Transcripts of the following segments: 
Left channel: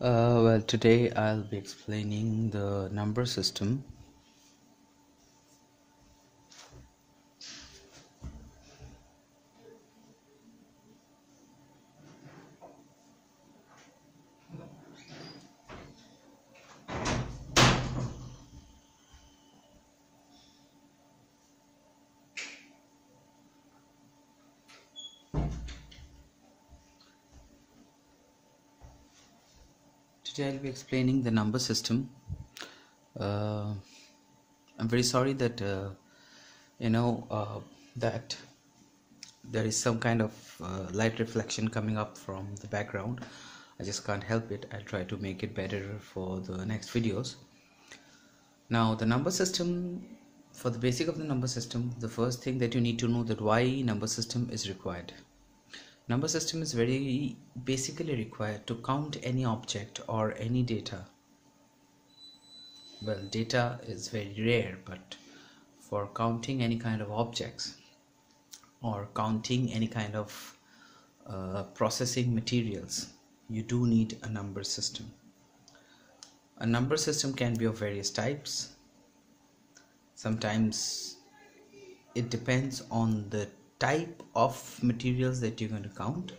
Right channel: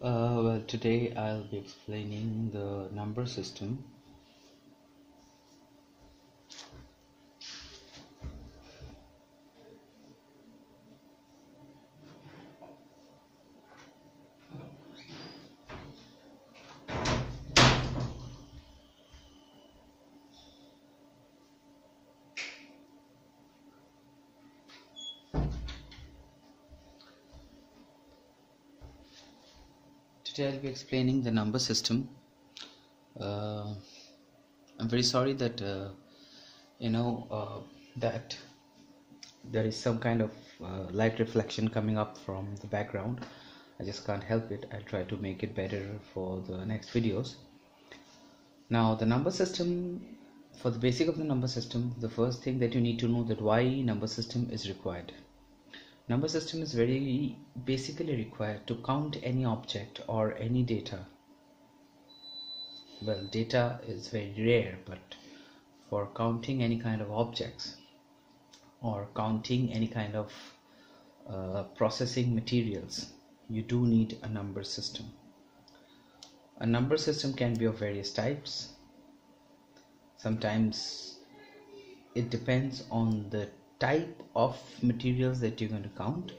Well, today I'll be explaining the number system. Today I'll be explaining the number system. I'm very sorry that that there is some kind of light reflection coming up from the background. I just can't help it. I'll try to make it better for the next videos. Now, the number system, for the basic of the number system, the first thing that you need to know that why number system is required. Number system is very basically required to count any object or any data. Well, data is very rare, but for counting any kind of objects or counting any kind of processing materials, you do need a number system. A number system can be of various types. Sometimes it depends on the type of materials that you're going to count.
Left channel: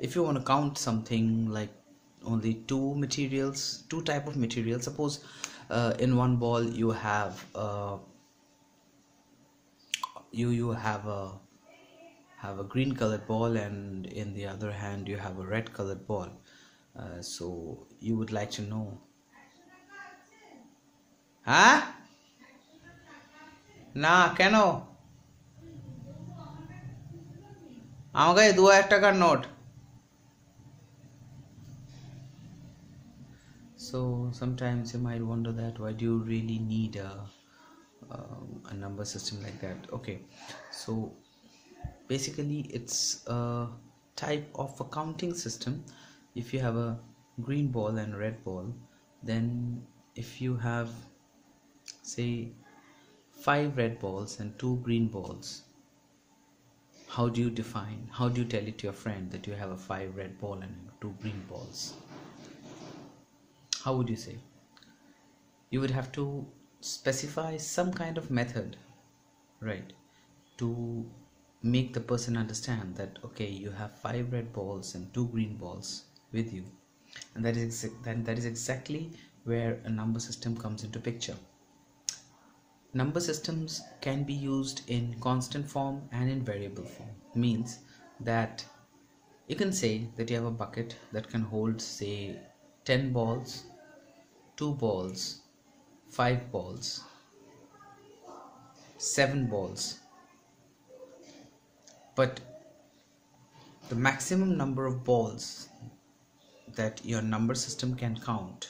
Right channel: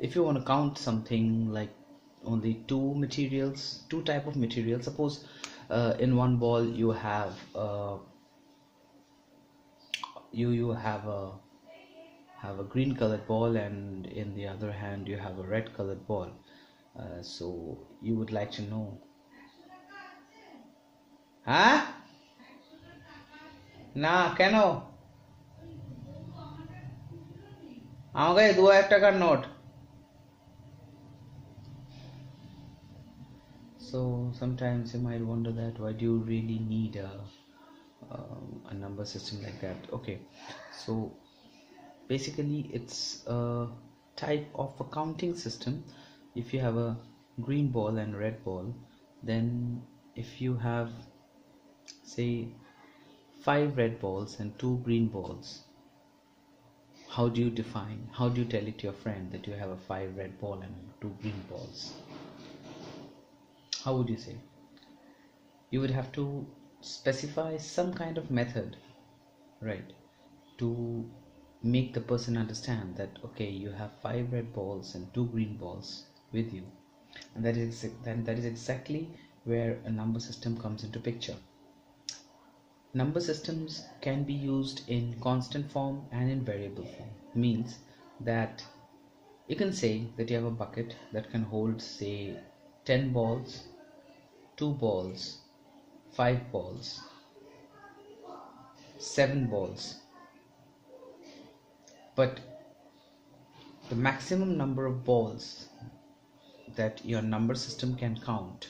If you want to count something like only two type of materials, suppose in one ball you have you have a green colored ball, and in the other hand you have a red colored ball. So you would like to know, না কেন আমাকে 2000 টাকার note. So sometimes you might wonder that why do you really need a number system like that. Okay, so basically it's a type of a counting system. If you have a green ball and red ball, then if you have say 5 red balls and 2 green balls, how do you tell it to your friend that you have a 5 red ball and 2 green balls? How would you say? You would have to specify some kind of method, right, to make the person understand that okay, you have 5 red balls and 2 green balls with you, and that is exactly where a number system comes into picture. Number systems can be used in constant form and in variable form. Means that you can say that you have a bucket that can hold say 10 balls, 2 balls, 5 balls, 7 balls, but the maximum number of balls that your number system can count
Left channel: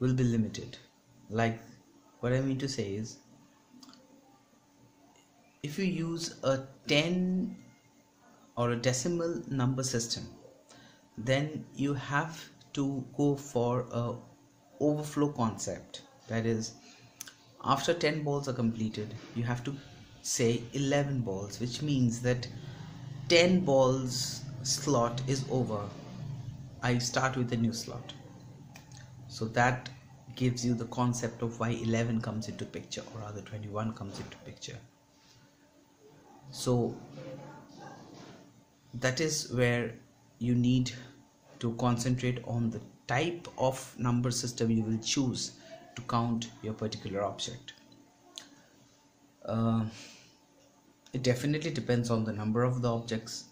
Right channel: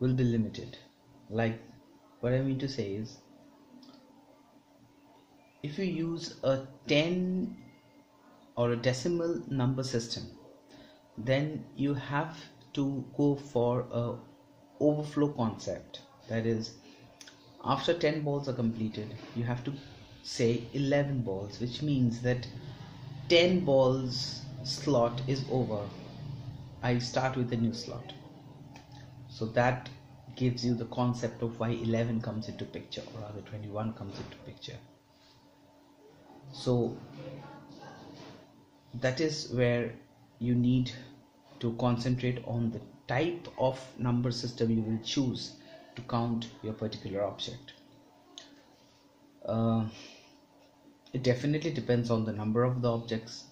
will be limited. Like, what I mean to say is, if you use a 10 or a decimal number system, then you have to go for a overflow concept. That is, after 10 balls are completed, you have to say 11 balls, which means that 10 balls slot is over. I start with a new slot. So that gives you the concept of why 11 comes into picture, or rather 21 comes into picture. So that is where you need to concentrate on the type of number system you will choose to count your particular object. It definitely depends on the number of the objects,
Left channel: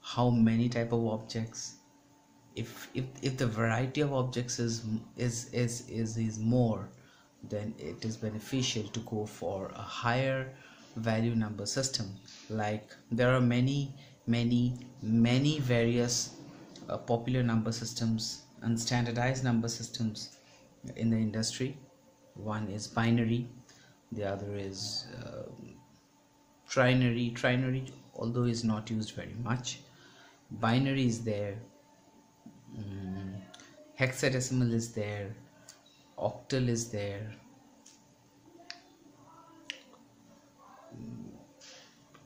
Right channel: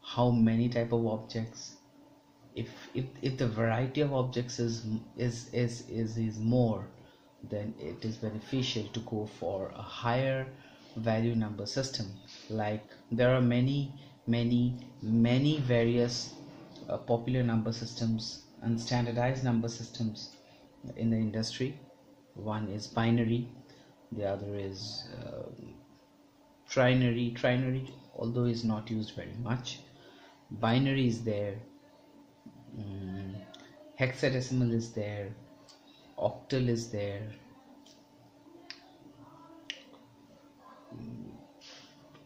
how many type of objects. If the variety of objects is more, then it is beneficial to go for a higher value number system. Like, there are many various popular number systems and standardized number systems in the industry. One is binary, the other is trinary, although is not used very much. Binary is there, hexadecimal is there, octal is there.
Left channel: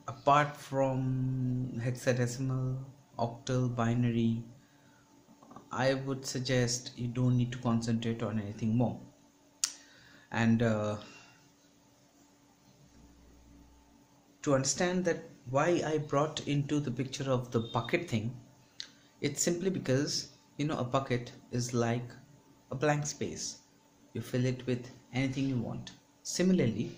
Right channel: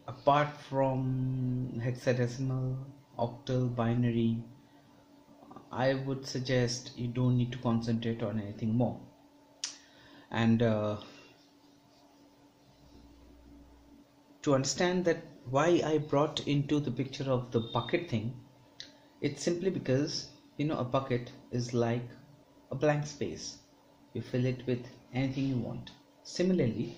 Apart from hexadecimal, octal, binary, I would suggest you don't need to concentrate on anything more. And to understand that why I brought into the picture of the bucket thing, it's simply because, a bucket is like a blank space. You fill it with anything you want. Similarly,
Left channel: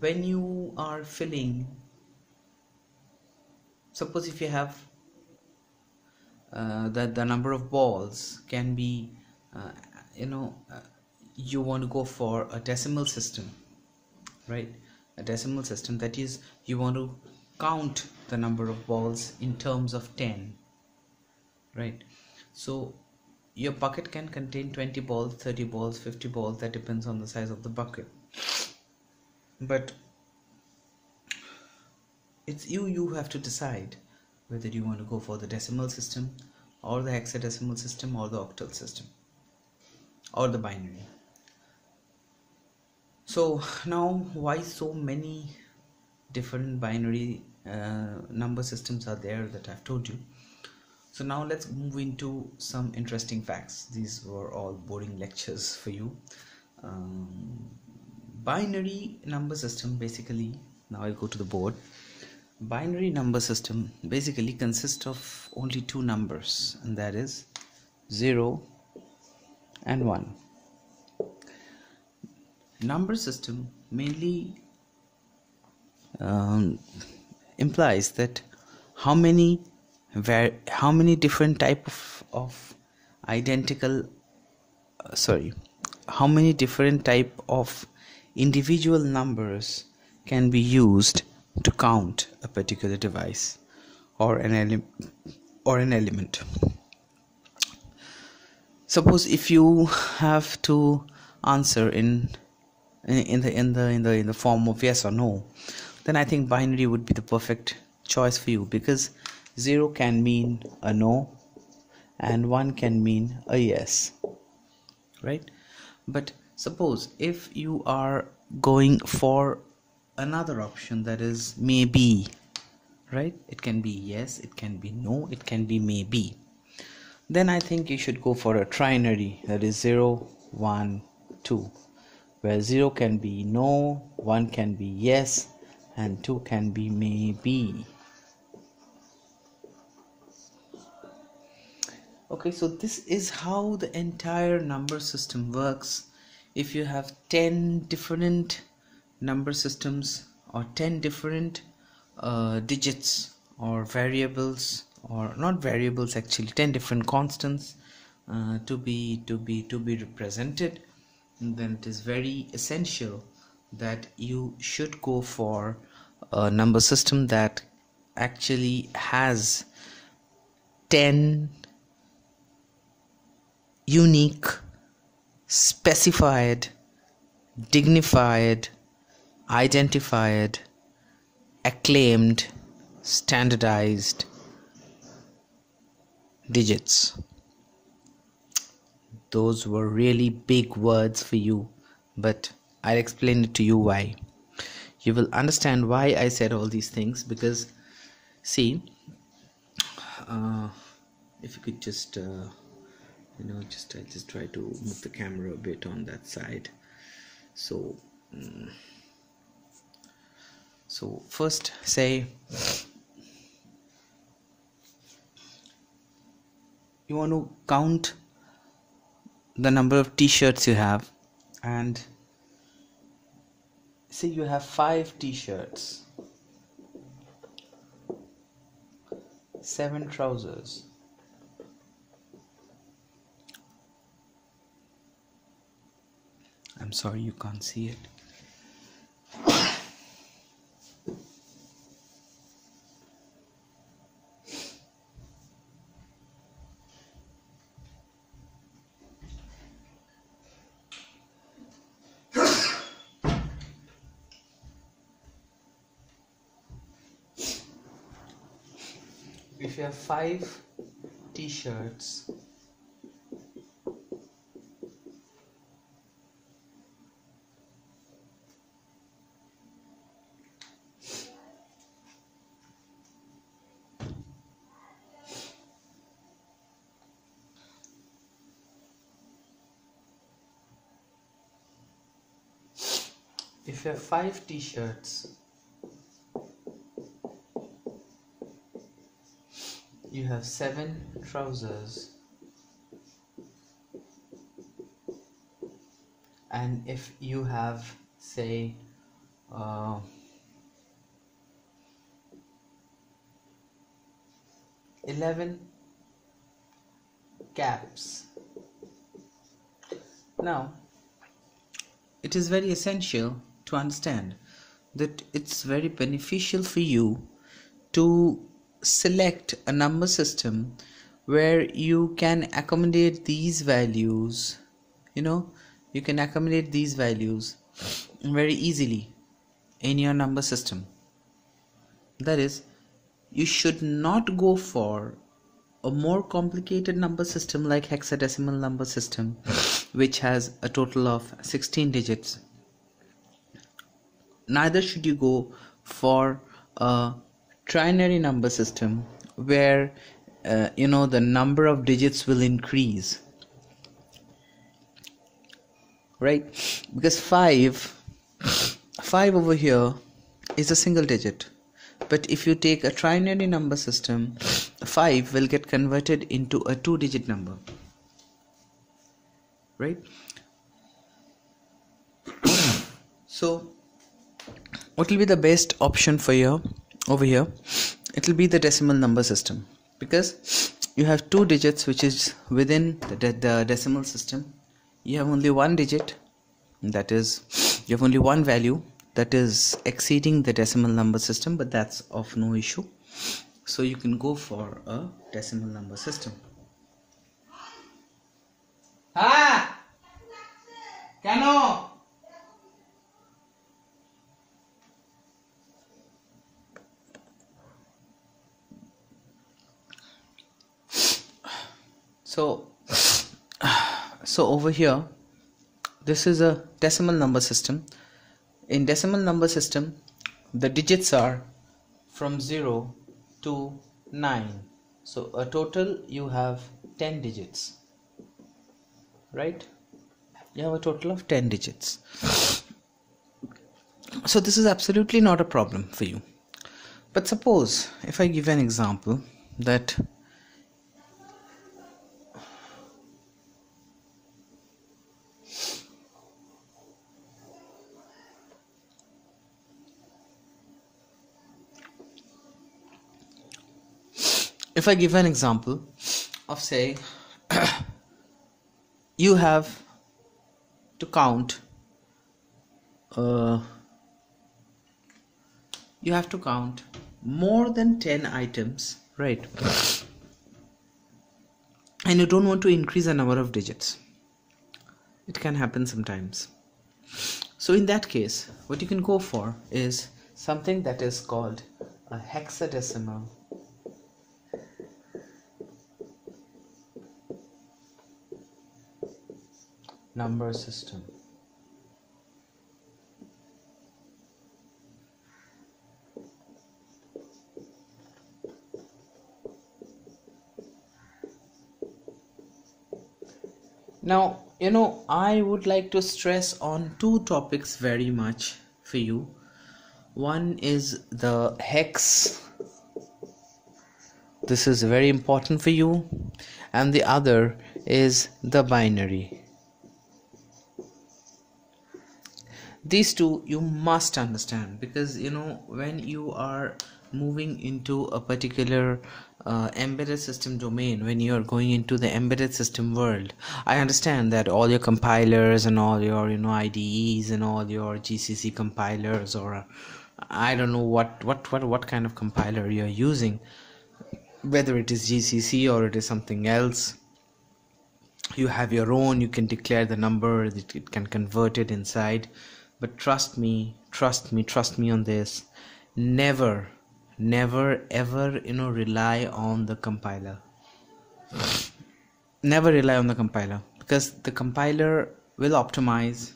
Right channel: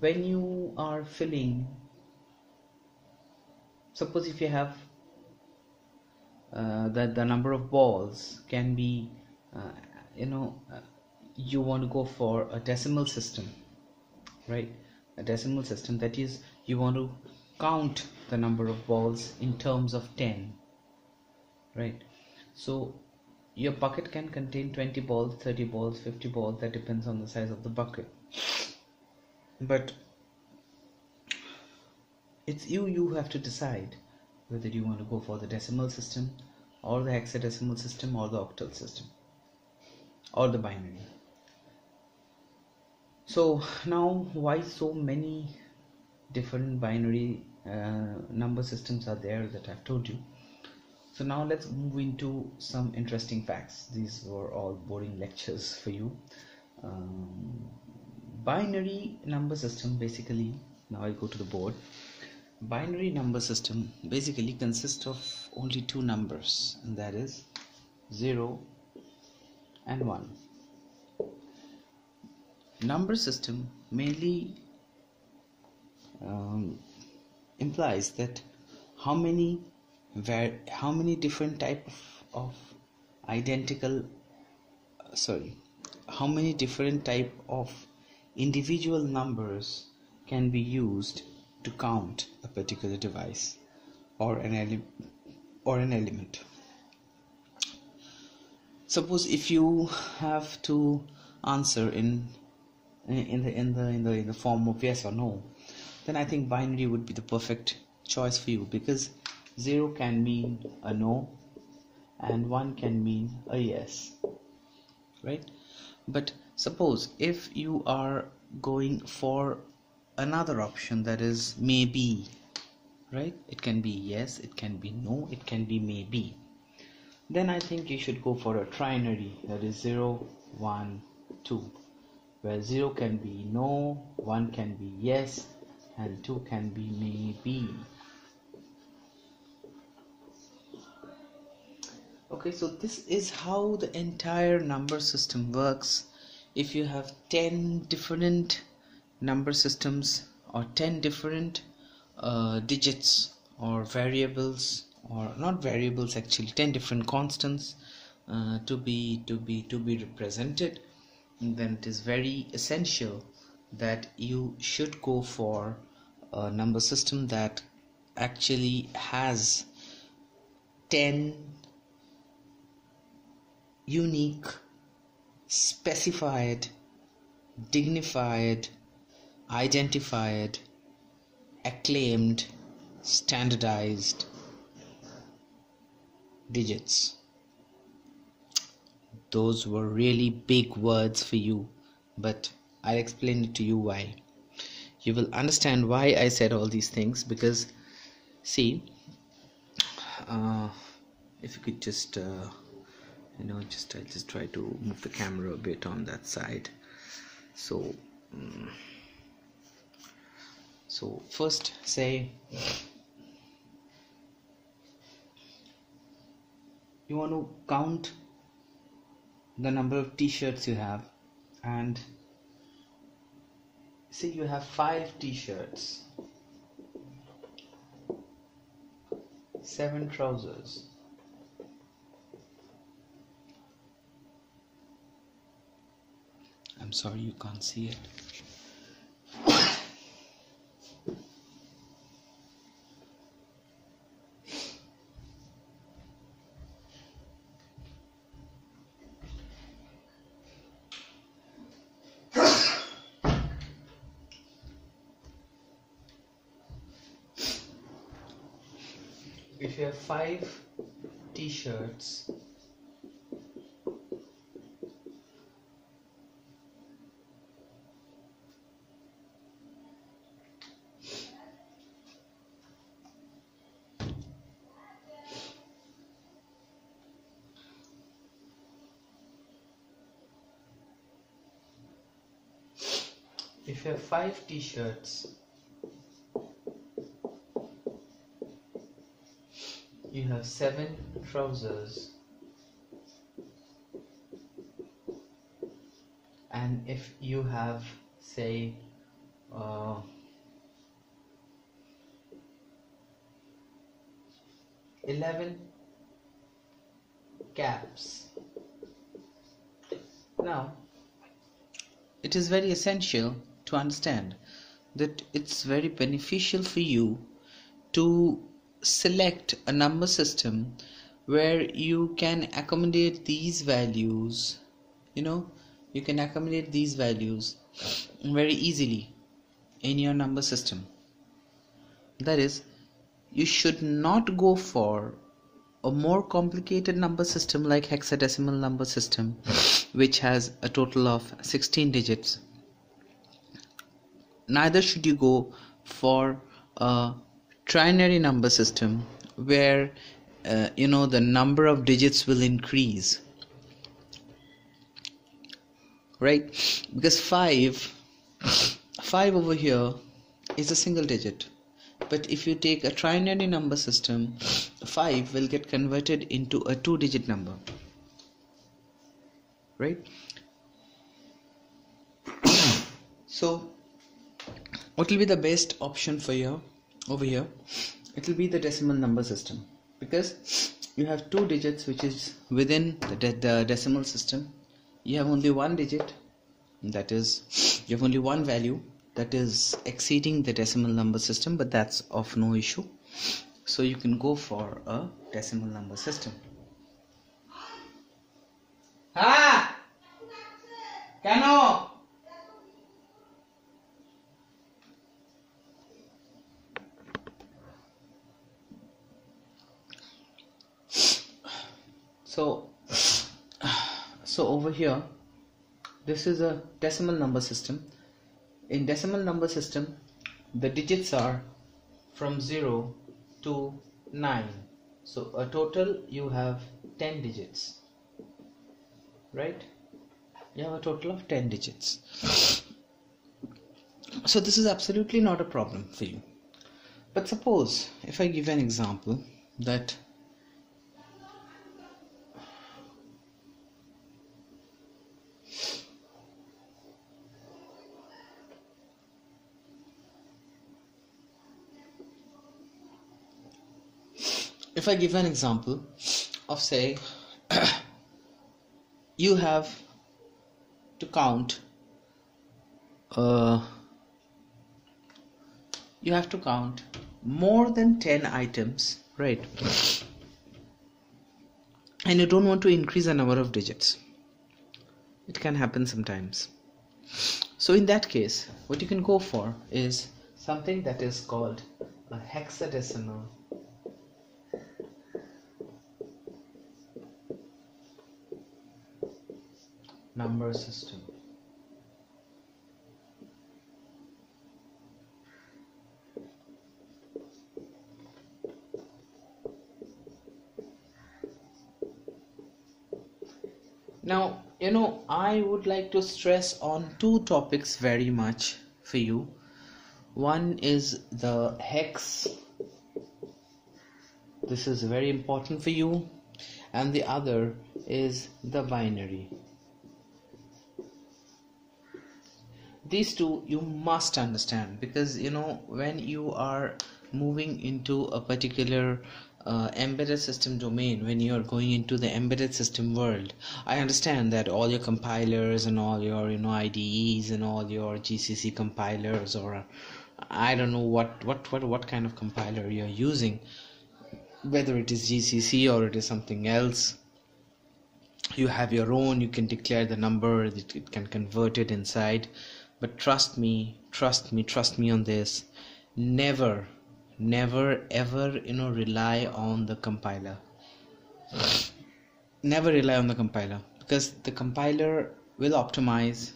when you are filling, suppose if you have that the number of balls can be, you want to go for a decimal system, right? A decimal system, that is, you want to count the number of balls in terms of 10, right? So your bucket can contain 20 balls, 30 balls, 50 balls, that depends on the size of the bucket. But it's you have to decide whether you want to go for the decimal system or the hexadecimal system or the octal system or the binary. So now, why so many different binary number systems are there that I've told you. So now let's move into some interesting facts. These were all boring lectures for you. Binary number system, basically, now I'll go to the board. Binary number system basically consists of only two numbers, and that is 0 and 1. Number system mainly implies that how many different type of how many different type of individual numbers can be used to count a particular device or an element. Suppose if you have to answer in the form of yes or no, then I think binary would be the perfect choice for you, because 0 can mean a no and 1 can mean a yes, right? But suppose if you are going for another option, that is maybe, right? It can be yes, it can be no, it can be maybe. Then I think you should go for a trinary, that is 0, 1, 2, where 0 can be no, 1 can be yes, and 2 can be maybe. Okay, so this is how the entire number system works. If you have 10 different number systems or 10 different digits or variables, or not variables actually, 10 different constants to be represented, then it is very essential that you should go for a number system that actually has 10 unique, specified, dignified, identified, acclaimed, standardized digits. Those were really big words for you, but I'll explain it to you why. You will understand why I said all these things, because see, if you could just I'll just try to move the camera a bit on that side. So first, say you want to count the number of t-shirts you have, and say you have 5 t-shirts, 7 trousers, I'm sorry you can't see it. If you have 5 t-shirts, if you have 5 t-shirts, you have 7 trousers, and if you have, say, 11 caps. Now, it is very essential to understand that it's very beneficial for you to select a number system where you can accommodate these values. You can accommodate these values very easily in your number system. That is, you should not go for a more complicated number system like hexadecimal number system, which has a total of 16 digits. Neither should you go for a trinary number system where the number of digits will increase, right? Because 5 over here is a single digit. But if you take a trinary number system, 5 will get converted into a 2-digit number, right? So what will be the best option for you over here? It will be the decimal number system, because you have 2 digits which is within the decimal system. You have only 1 digit, that is, you have only one value that is exceeding the decimal number system, but that's of no issue. So you can go for a decimal number system. Kano? So over here, this is a decimal number system. In decimal number system, the digits are from 0 to 9. So a total you have 10 digits, right? You have a total of 10 digits. So this is absolutely not a problem for you. But suppose if I give an example that if I give an example of, say, you have to count more than 10 items, right? And you don't want to increase the number of digits. It can happen sometimes. So in that case, what you can go for is something that is called a hexadecimal number system. Now, I would like to stress on 2 topics very much for you. One is the hex. This is very important for you. And the other is the binary. These 2 you must understand, because when you are moving into a particular embedded system domain, when you are going into the embedded system world, I understand that all your compilers and all your IDEs and all your GCC compilers, or I don't know what kind of compiler you're using, whether it is GCC or it is something else. You have your own, you can declare the number, it can convert it inside. But trust me on this. Never ever rely on the compiler. Never rely on the compiler, because the compiler will optimize,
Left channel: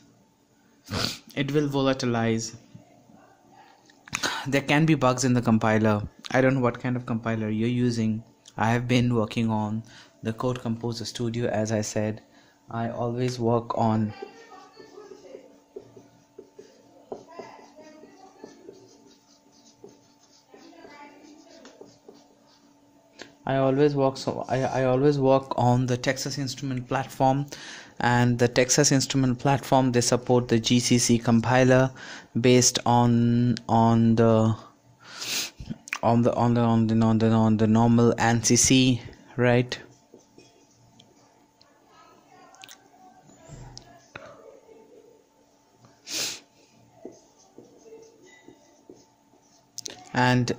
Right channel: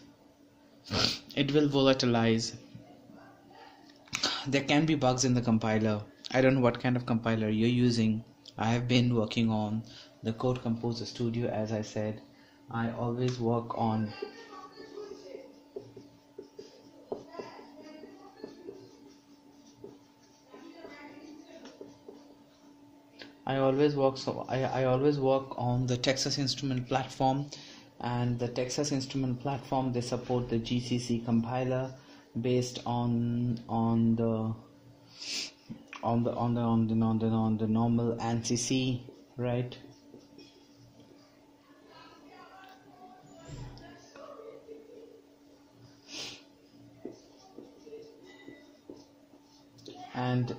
it will volatilize. There can be bugs in the compiler. I don't know what kind of compiler you're using. I have been working on the Code Composer Studio. As I said, I always work on I always work on the Texas Instrument platform, and the Texas Instrument platform, they support the GCC compiler based on the normal ANSI C, right? And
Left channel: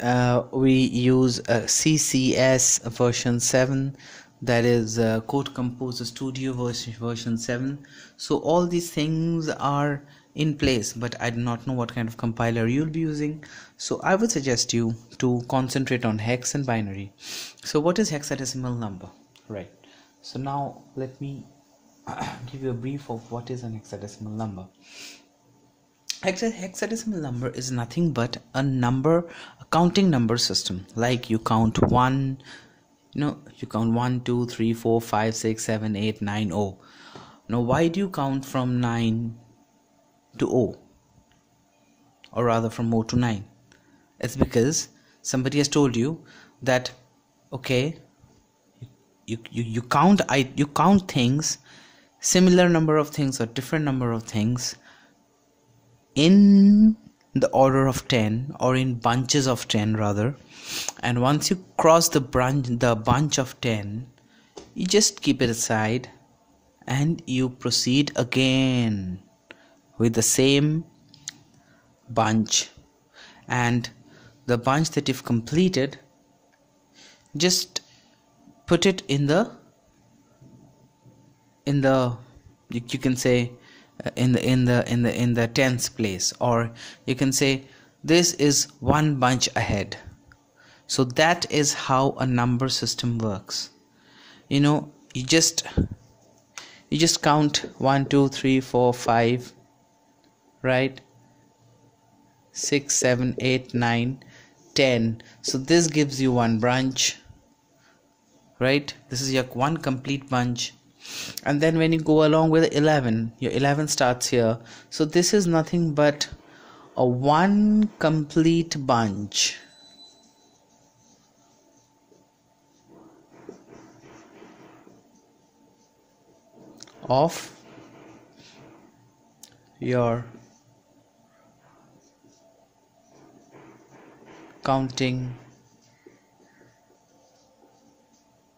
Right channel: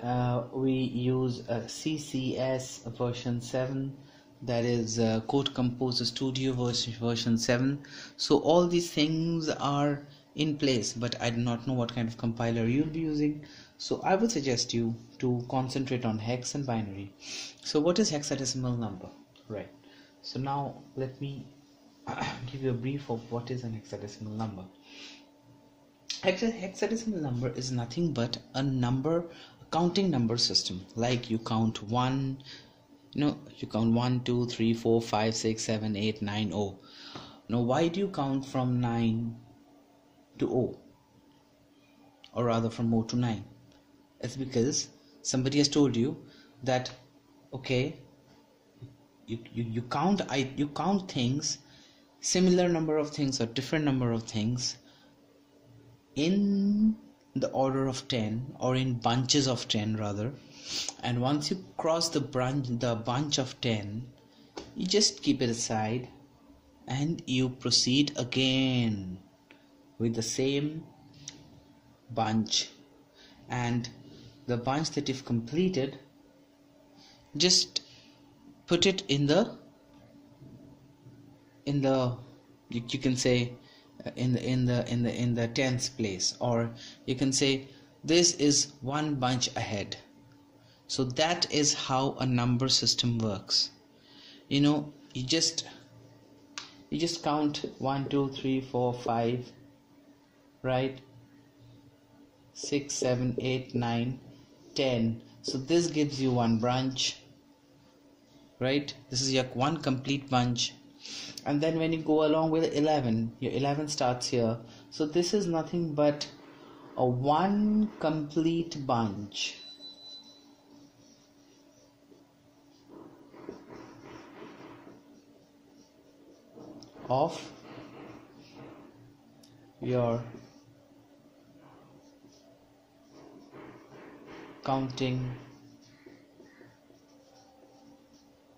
we use CCS version 7, that is Code Composer Studio version 7. So all these things are in place, but I do not know what kind of compiler you'll be using, so I would suggest you to concentrate on hex and binary. So what is hexadecimal number, right? So now let me give you a brief of what is an hexadecimal number. Hexadecimal number is nothing but a counting number system. Like you count 1, you count 1 2 3 4 5 6 7 8 9 0. Now why do you count from 9 to O, or rather from O to 9? It's because somebody has told you that, okay, you count things, similar number of things or different number of things, in the order of 10, or in bunches of 10 rather, and once you cross the bunch of 10, you just keep it aside and you proceed again with the same bunch, and the bunch that you've completed, just put it in the you can say in the tens place, or you can say this is one bunch ahead. So that is how a number system works. You just count 1 2 3 4 5, right, 6 7 8 9 10. So this gives you one branch, right? This is your one complete bunch. And then when you go along with 11, your 11 starts here. So this is nothing but a one complete bunch of your counting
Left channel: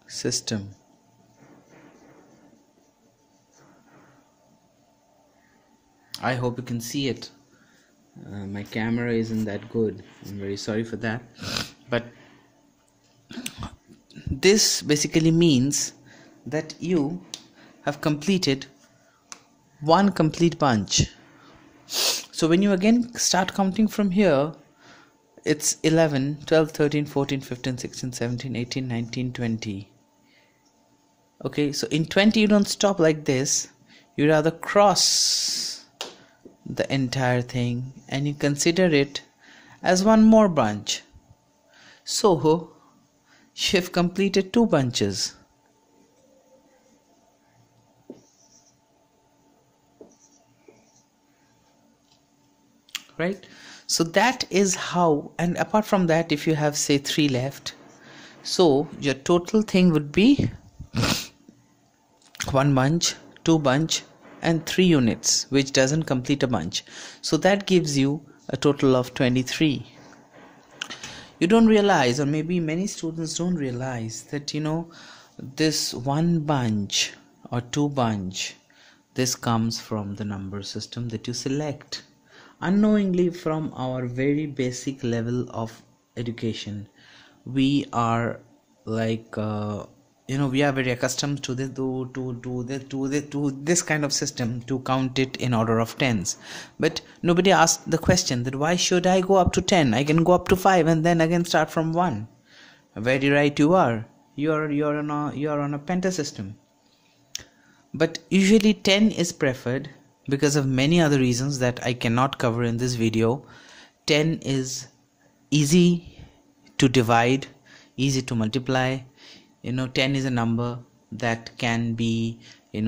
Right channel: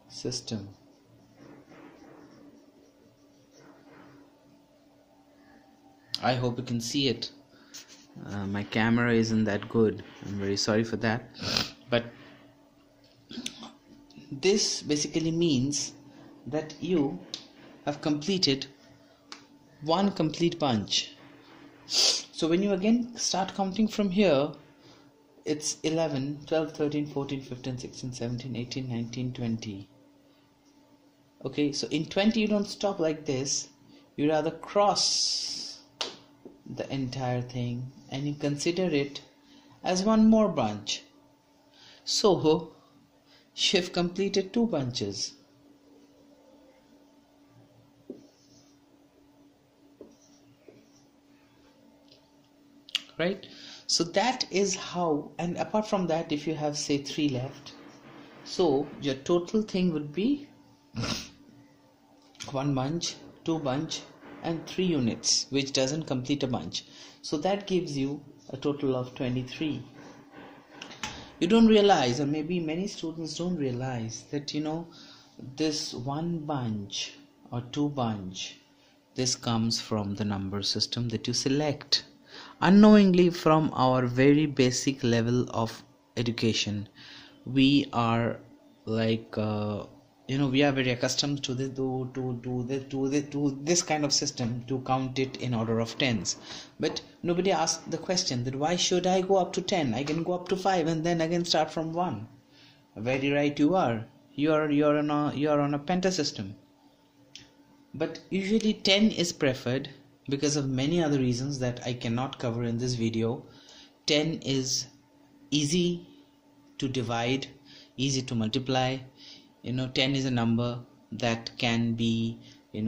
system. I hope you can see it. My camera isn't that good. I'm very sorry for that. But this basically means that you have completed one complete bunch. So when you again start counting from here, it's 11, 12, 13, 14, 15, 16, 17, 18, 19, 20. Okay, so in 20 you don't stop like this. You rather cross the entire thing and you consider it as one more bunch. So you've completed two bunches. Right? So that is how, and apart from that, if you have say 3 left, so your total thing would be one bunch, two bunch, and 3 units, which doesn't complete a bunch. So that gives you a total of 23. You don't realize, or maybe many students don't realize, that this one bunch or two bunch, this comes from the number system that you select unknowingly. From our very basic level of education, we are like we are very accustomed to this kind of system, to count it in order of tens. But nobody asked the question that why should I go up to 10? I can go up to 5 and then again start from 1. Very right you are. You're on a penta system. But usually 10 is preferred because of many other reasons that I cannot cover in this video. 10 is easy to divide, easy to multiply. 10 is a number that can be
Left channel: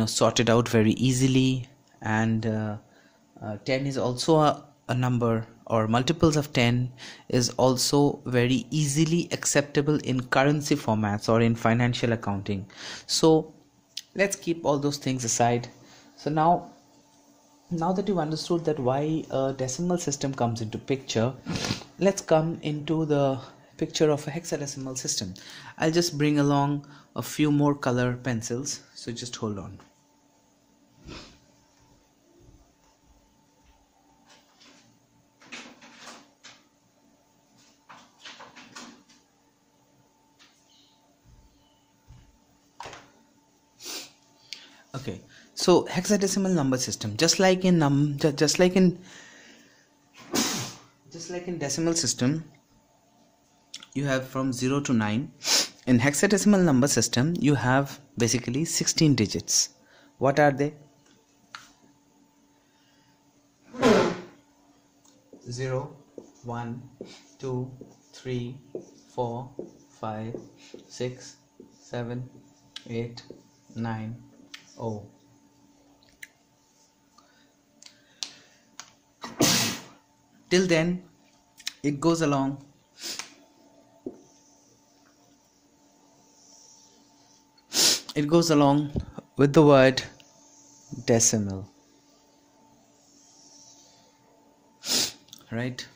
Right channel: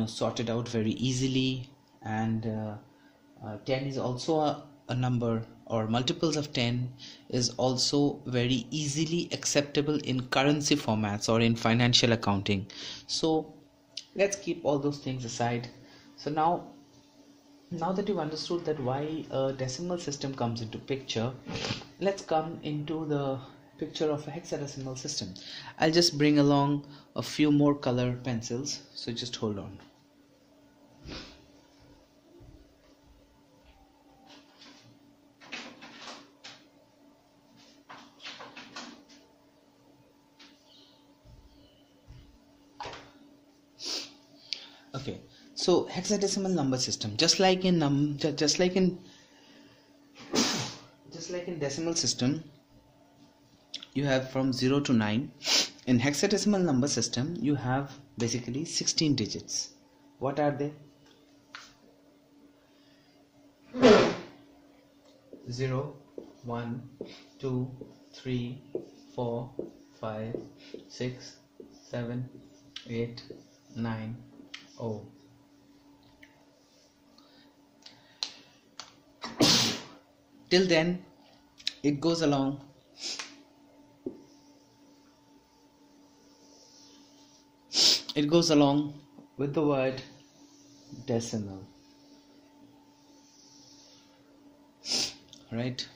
sorted out very easily, and 10 is also a number or multiples of 10 is also very easily acceptable in currency formats or in financial accounting. So let's keep all those things aside. So now that you've understood that why a decimal system comes into picture, let's come into the picture of a hexadecimal system. I'll just bring along a few more color pencils, so just hold on. Okay, so hexadecimal number system, just like in decimal system, you have from 0 to 9. In hexadecimal number system, you have basically 16 digits. What are they? 0, 1, 2, 3, 4, 5, 6, 7, 8, 9, 0. Till then, it goes along with the word decimal, right?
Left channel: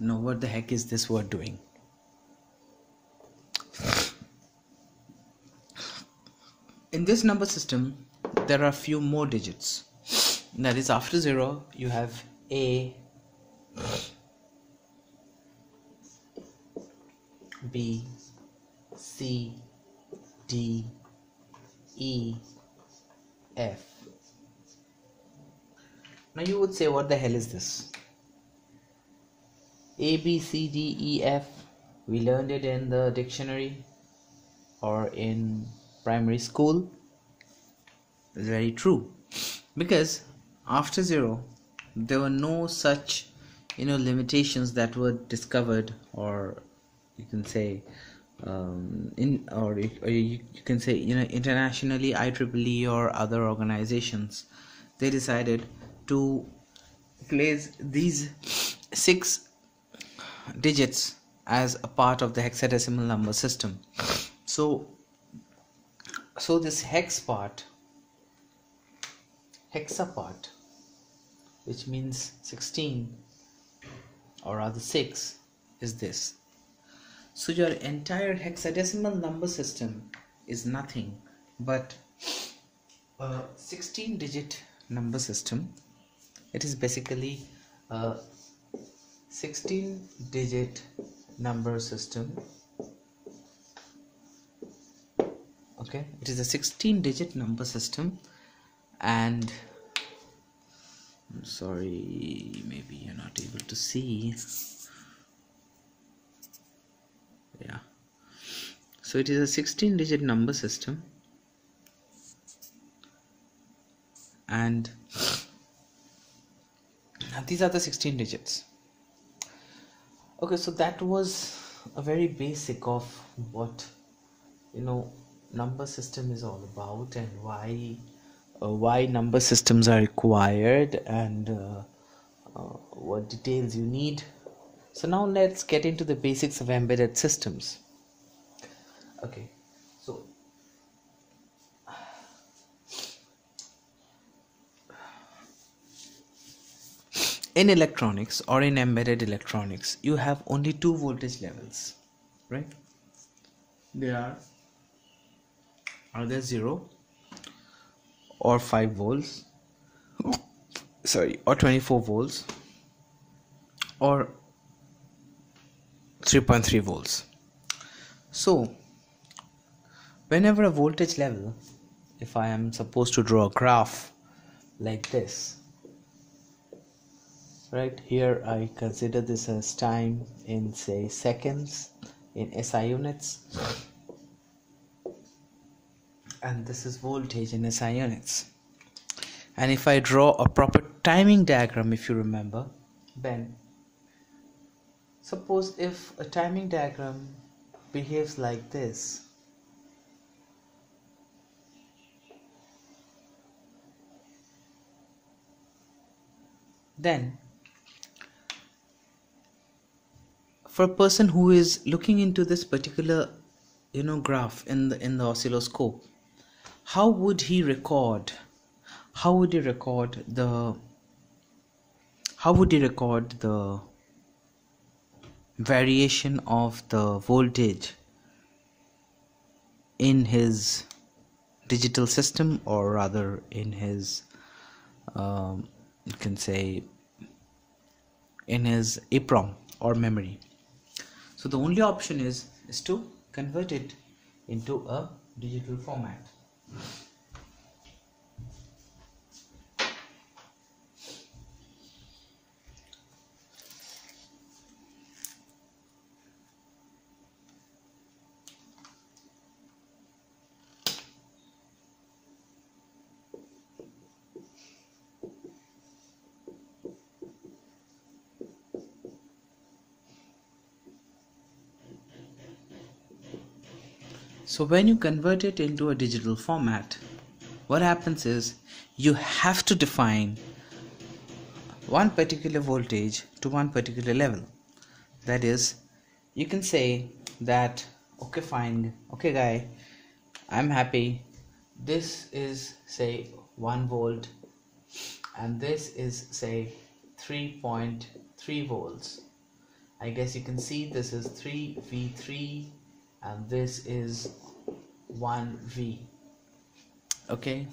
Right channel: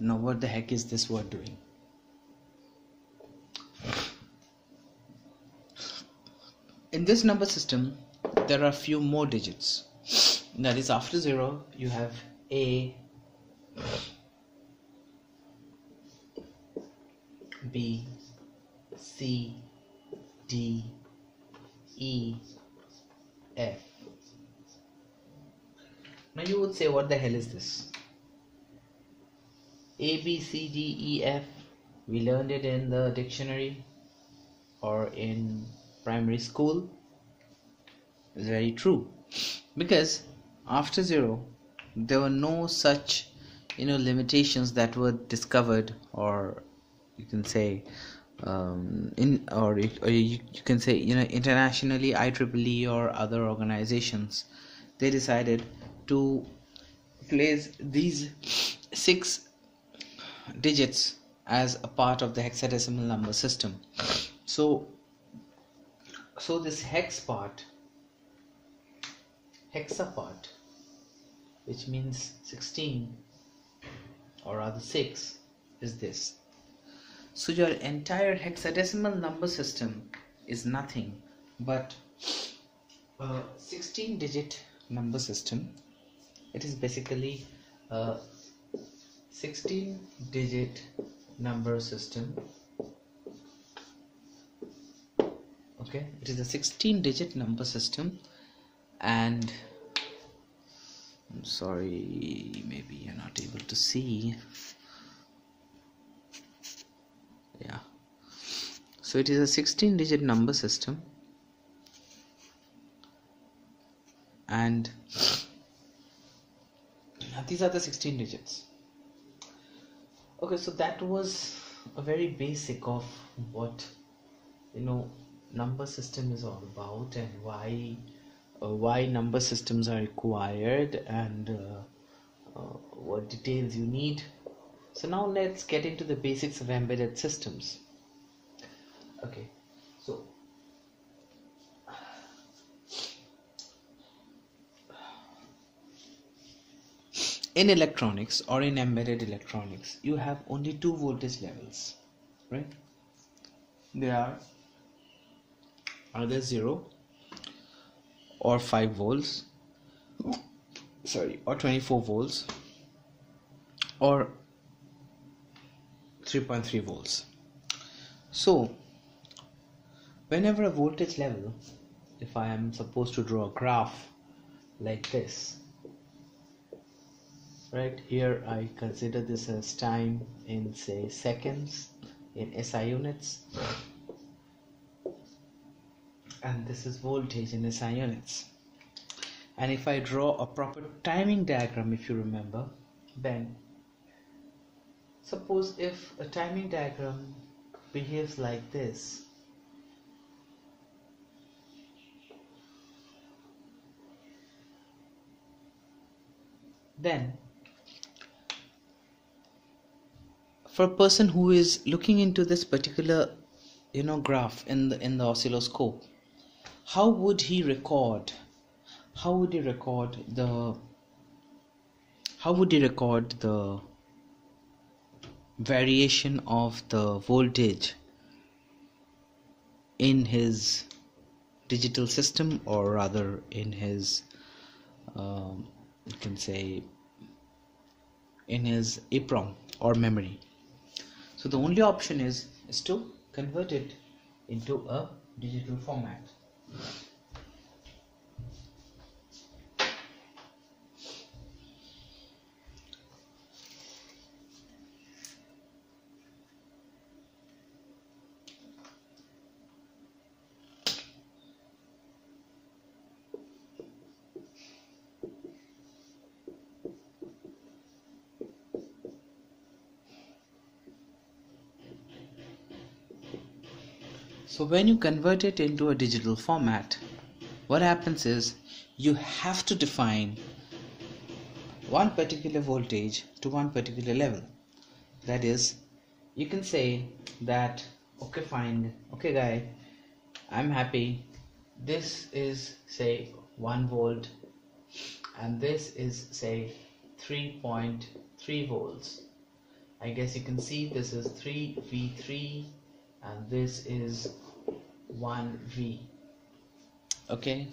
Now what the heck is this word doing? In this number system, there are few more digits. That is, after 0 you have A, B, C, D, E, F. Now you would say, what the hell is this? A, B, C, D, E, F. We learned it in the dictionary or in primary school. It's very true, because after 0 there were no such limitations that were discovered, or you can say you can say internationally, IEEE or other organizations, they decided to place these 6 digits as a part of the hexadecimal number system. So this hexa part, which means 16, or rather 6, is this. So your entire hexadecimal number system is nothing but a 16-digit number system. It is basically a 16-digit number system. Okay, it is a 16-digit number system, and I'm sorry, maybe you're not able to see. Yeah, so it is a 16-digit number system, and these are the 16 digits. Okay, so that was a very basic of what number system is all about, and why number systems are required, and what details you need. So now let's get into the basics of embedded systems. Okay, so in electronics, or in embedded electronics, you have only 2 voltage levels, right? There are either 0 or 5 volts, or 24 volts, or 3.3 volts. So whenever a voltage level, if I am supposed to draw a graph like this, right here, I consider this as time in, say, seconds in SI units, and this is voltage in SI units. And if I draw a proper timing diagram, if you remember, then suppose if a timing diagram behaves like this, Then for a person who is looking into this particular graph in the oscilloscope, how would he record the variation of the voltage in his digital system, or rather in his you can say in his EEPROM or memory? So the only option is to convert it into a digital format. So when you convert it into a digital format, what happens is you have to define one particular voltage to one particular level. That is, you can say that, okay, fine, okay guy, I'm happy, this is say 1 volt and this is say 3.3 volts. I guess you can see this is 3V3 and this is 1V. Okay,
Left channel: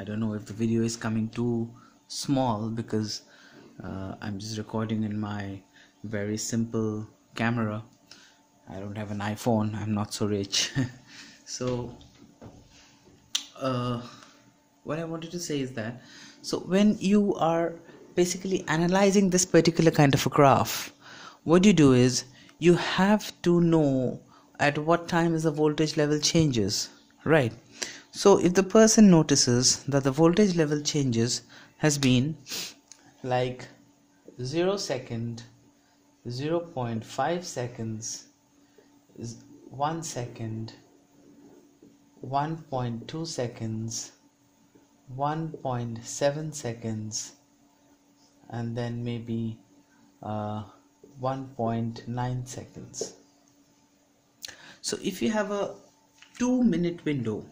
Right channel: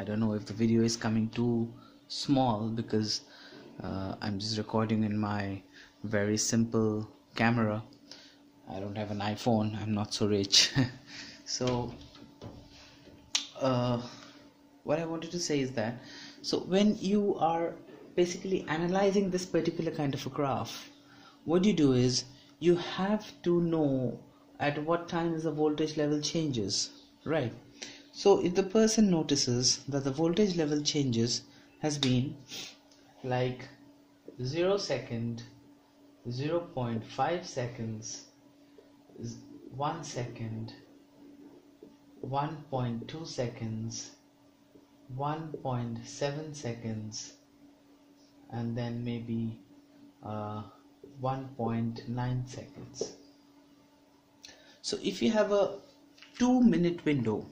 I don't know if the video is coming too small because I'm just recording in my very simple camera. I don't have an iPhone, I'm not so rich. So what I wanted to say is that, so when you are basically analyzing this particular kind of a graph, what you do is you have to know at what time is the voltage level changes, right? So if the person notices that the voltage level changes has been like 0 second, 0.5 seconds, 1 second, 1.2 seconds, 1.7 seconds, and then maybe 1.9 seconds. So if you have a 2-minute window,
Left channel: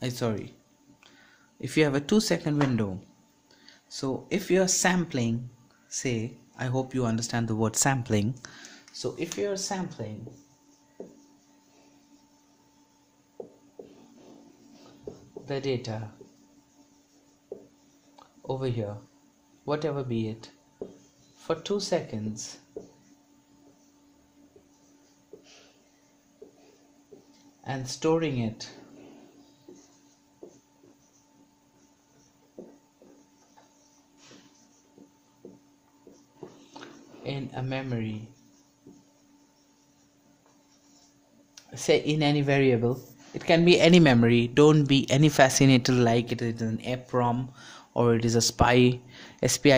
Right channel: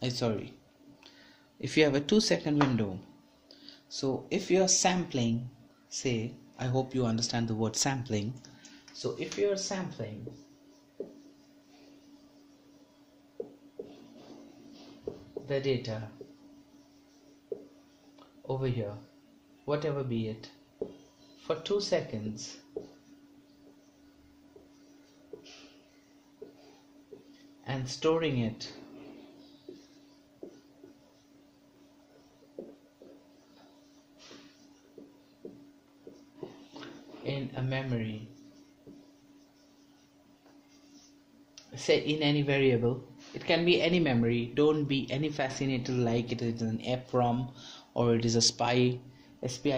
if you have a 2-second window, so if you are sampling, say, I hope you understand the word sampling. So if you are sampling the data over here, whatever be it, for 2 seconds, and storing it in a memory, say in any variable, it can be any memory, don't be any fascinated like it is an EEPROM or it is a SPI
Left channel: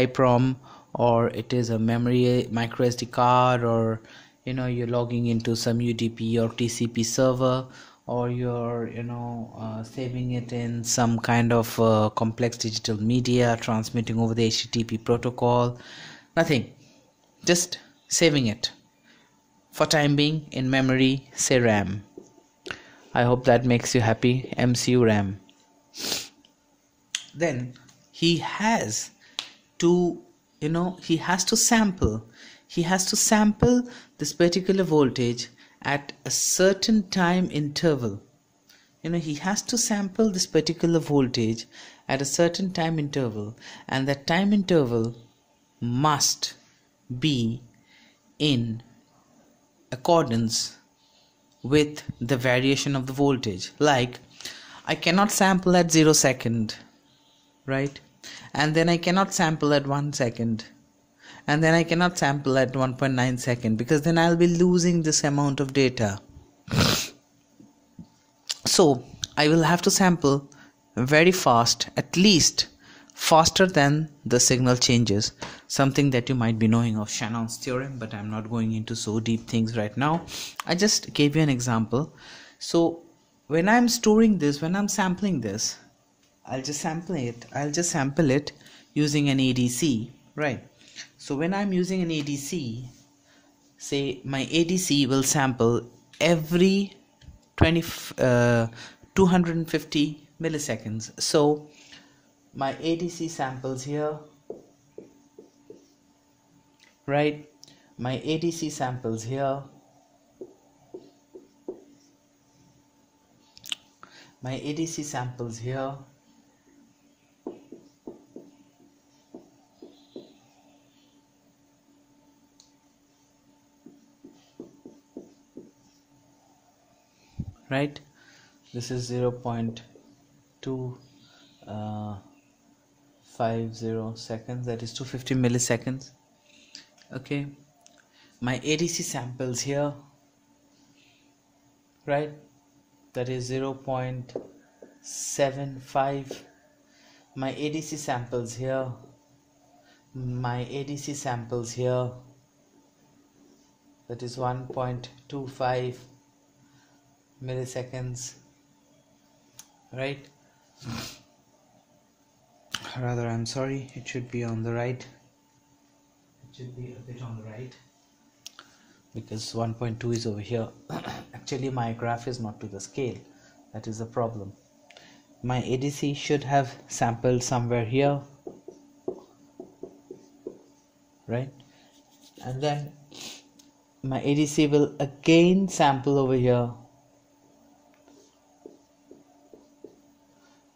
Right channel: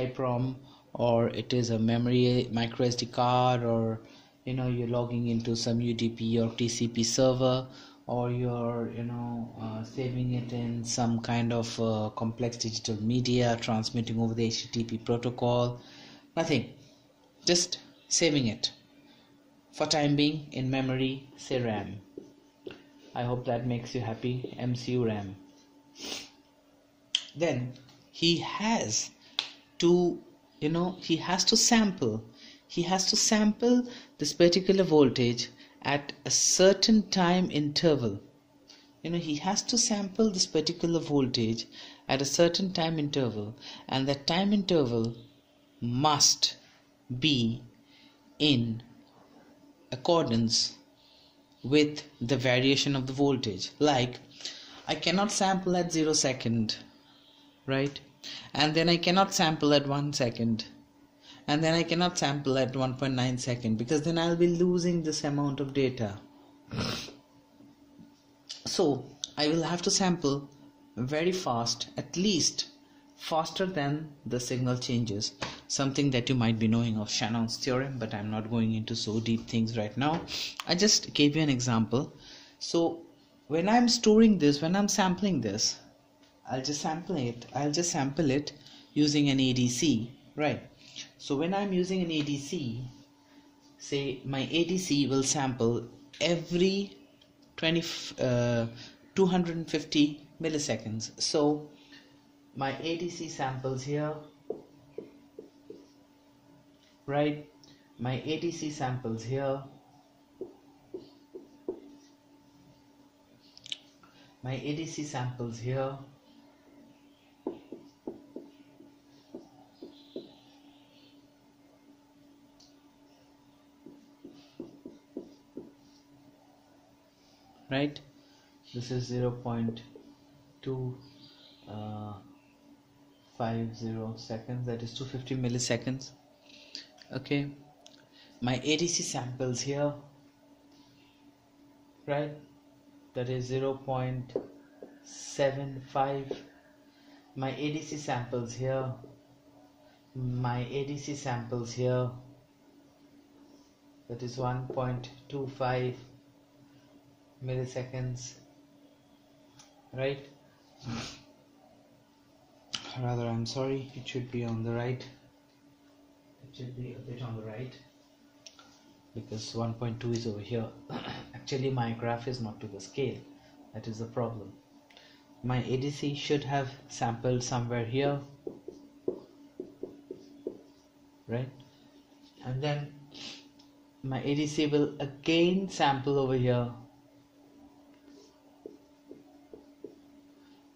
PROM or it is a memory micro SD card, or you're logging into some UDP or TCP server, or you're saving it in some kind of complex digital media transmitting over the HTTP protocol. Nothing, just saving it for time being in memory, say RAM. I hope that makes you happy. MCU RAM. Then he has to sample this particular voltage at a certain time interval. He has to sample this particular voltage at a certain time interval, and that time interval must be in accordance with the variation of the voltage. Like, I cannot sample at 0 second, right? And then I cannot sample at 1 second, and then I cannot sample at 1.9 second, because then I'll be losing this amount of data. So I will have to sample very fast, at least faster than the signal changes, something that you might be knowing of Shannon's theorem, but I'm not going into so deep things right now. I just gave you an example. So when I'm storing this, when I'm sampling this, I'll just sample it using an ADC, right? So when I'm using an ADC, say my ADC will sample every 250 milliseconds. So my ADC samples here, right? My ADC samples here, my ADC samples here, right? This is 0.250 seconds, that is 250 milliseconds. Okay, my ADC samples here, right? That is 0.75. My ADC samples here, my ADC samples here, that is 1.25 milliseconds, right? Rather, I'm sorry, it should be on the right. It should be a bit on the right, because 1.2 is over here. Actually my graph is not to the scale, that is the problem. My ADC should have sampled somewhere here, right? And then my ADC will again sample over here,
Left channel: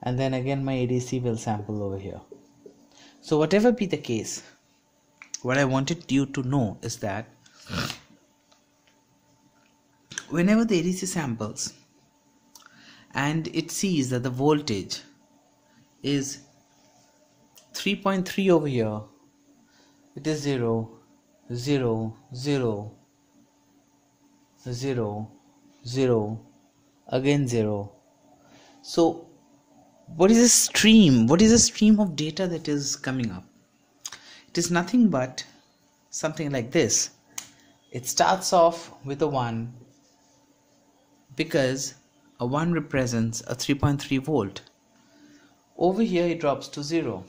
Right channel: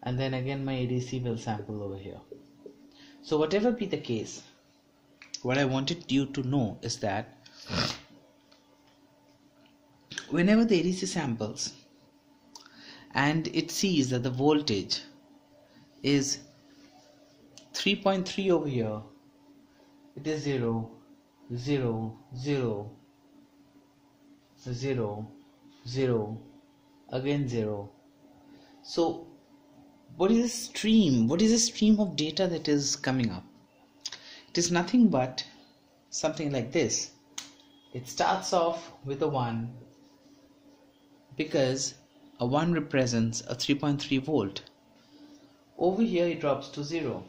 and then again my ADC will sample over here. So whatever be the case, what I wanted you to know is that whenever the ADC samples and it sees that the voltage is 3.3 over here, it is 0, 0, 0, 0, 0, again 0. So what is a stream? What is a stream of data that is coming up? It is nothing but something like this. It starts off with a 1, because a 1 represents a 3.3 volt. Over here it drops to 0,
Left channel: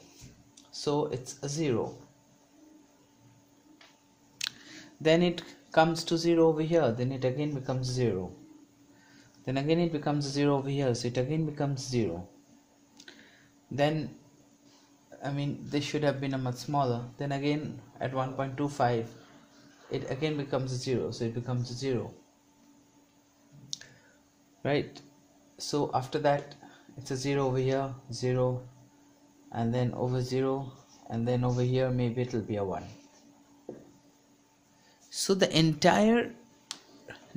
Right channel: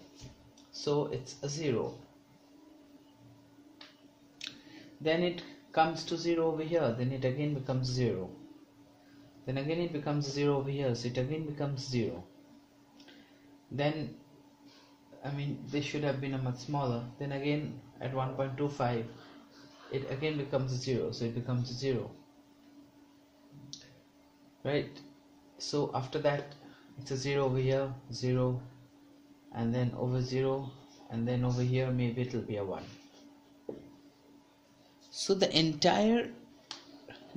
so it's a 0. Then it comes to 0 over here, then it again becomes 0. Then again it becomes 0 over here, so it again becomes 0. Then, I mean, this should have been a much smaller. Then again at 1.25 it again becomes 0, so it becomes 0, right? So after that it's a 0 over here, 0, and then over 0, and then over here maybe it will be a 1. So the entire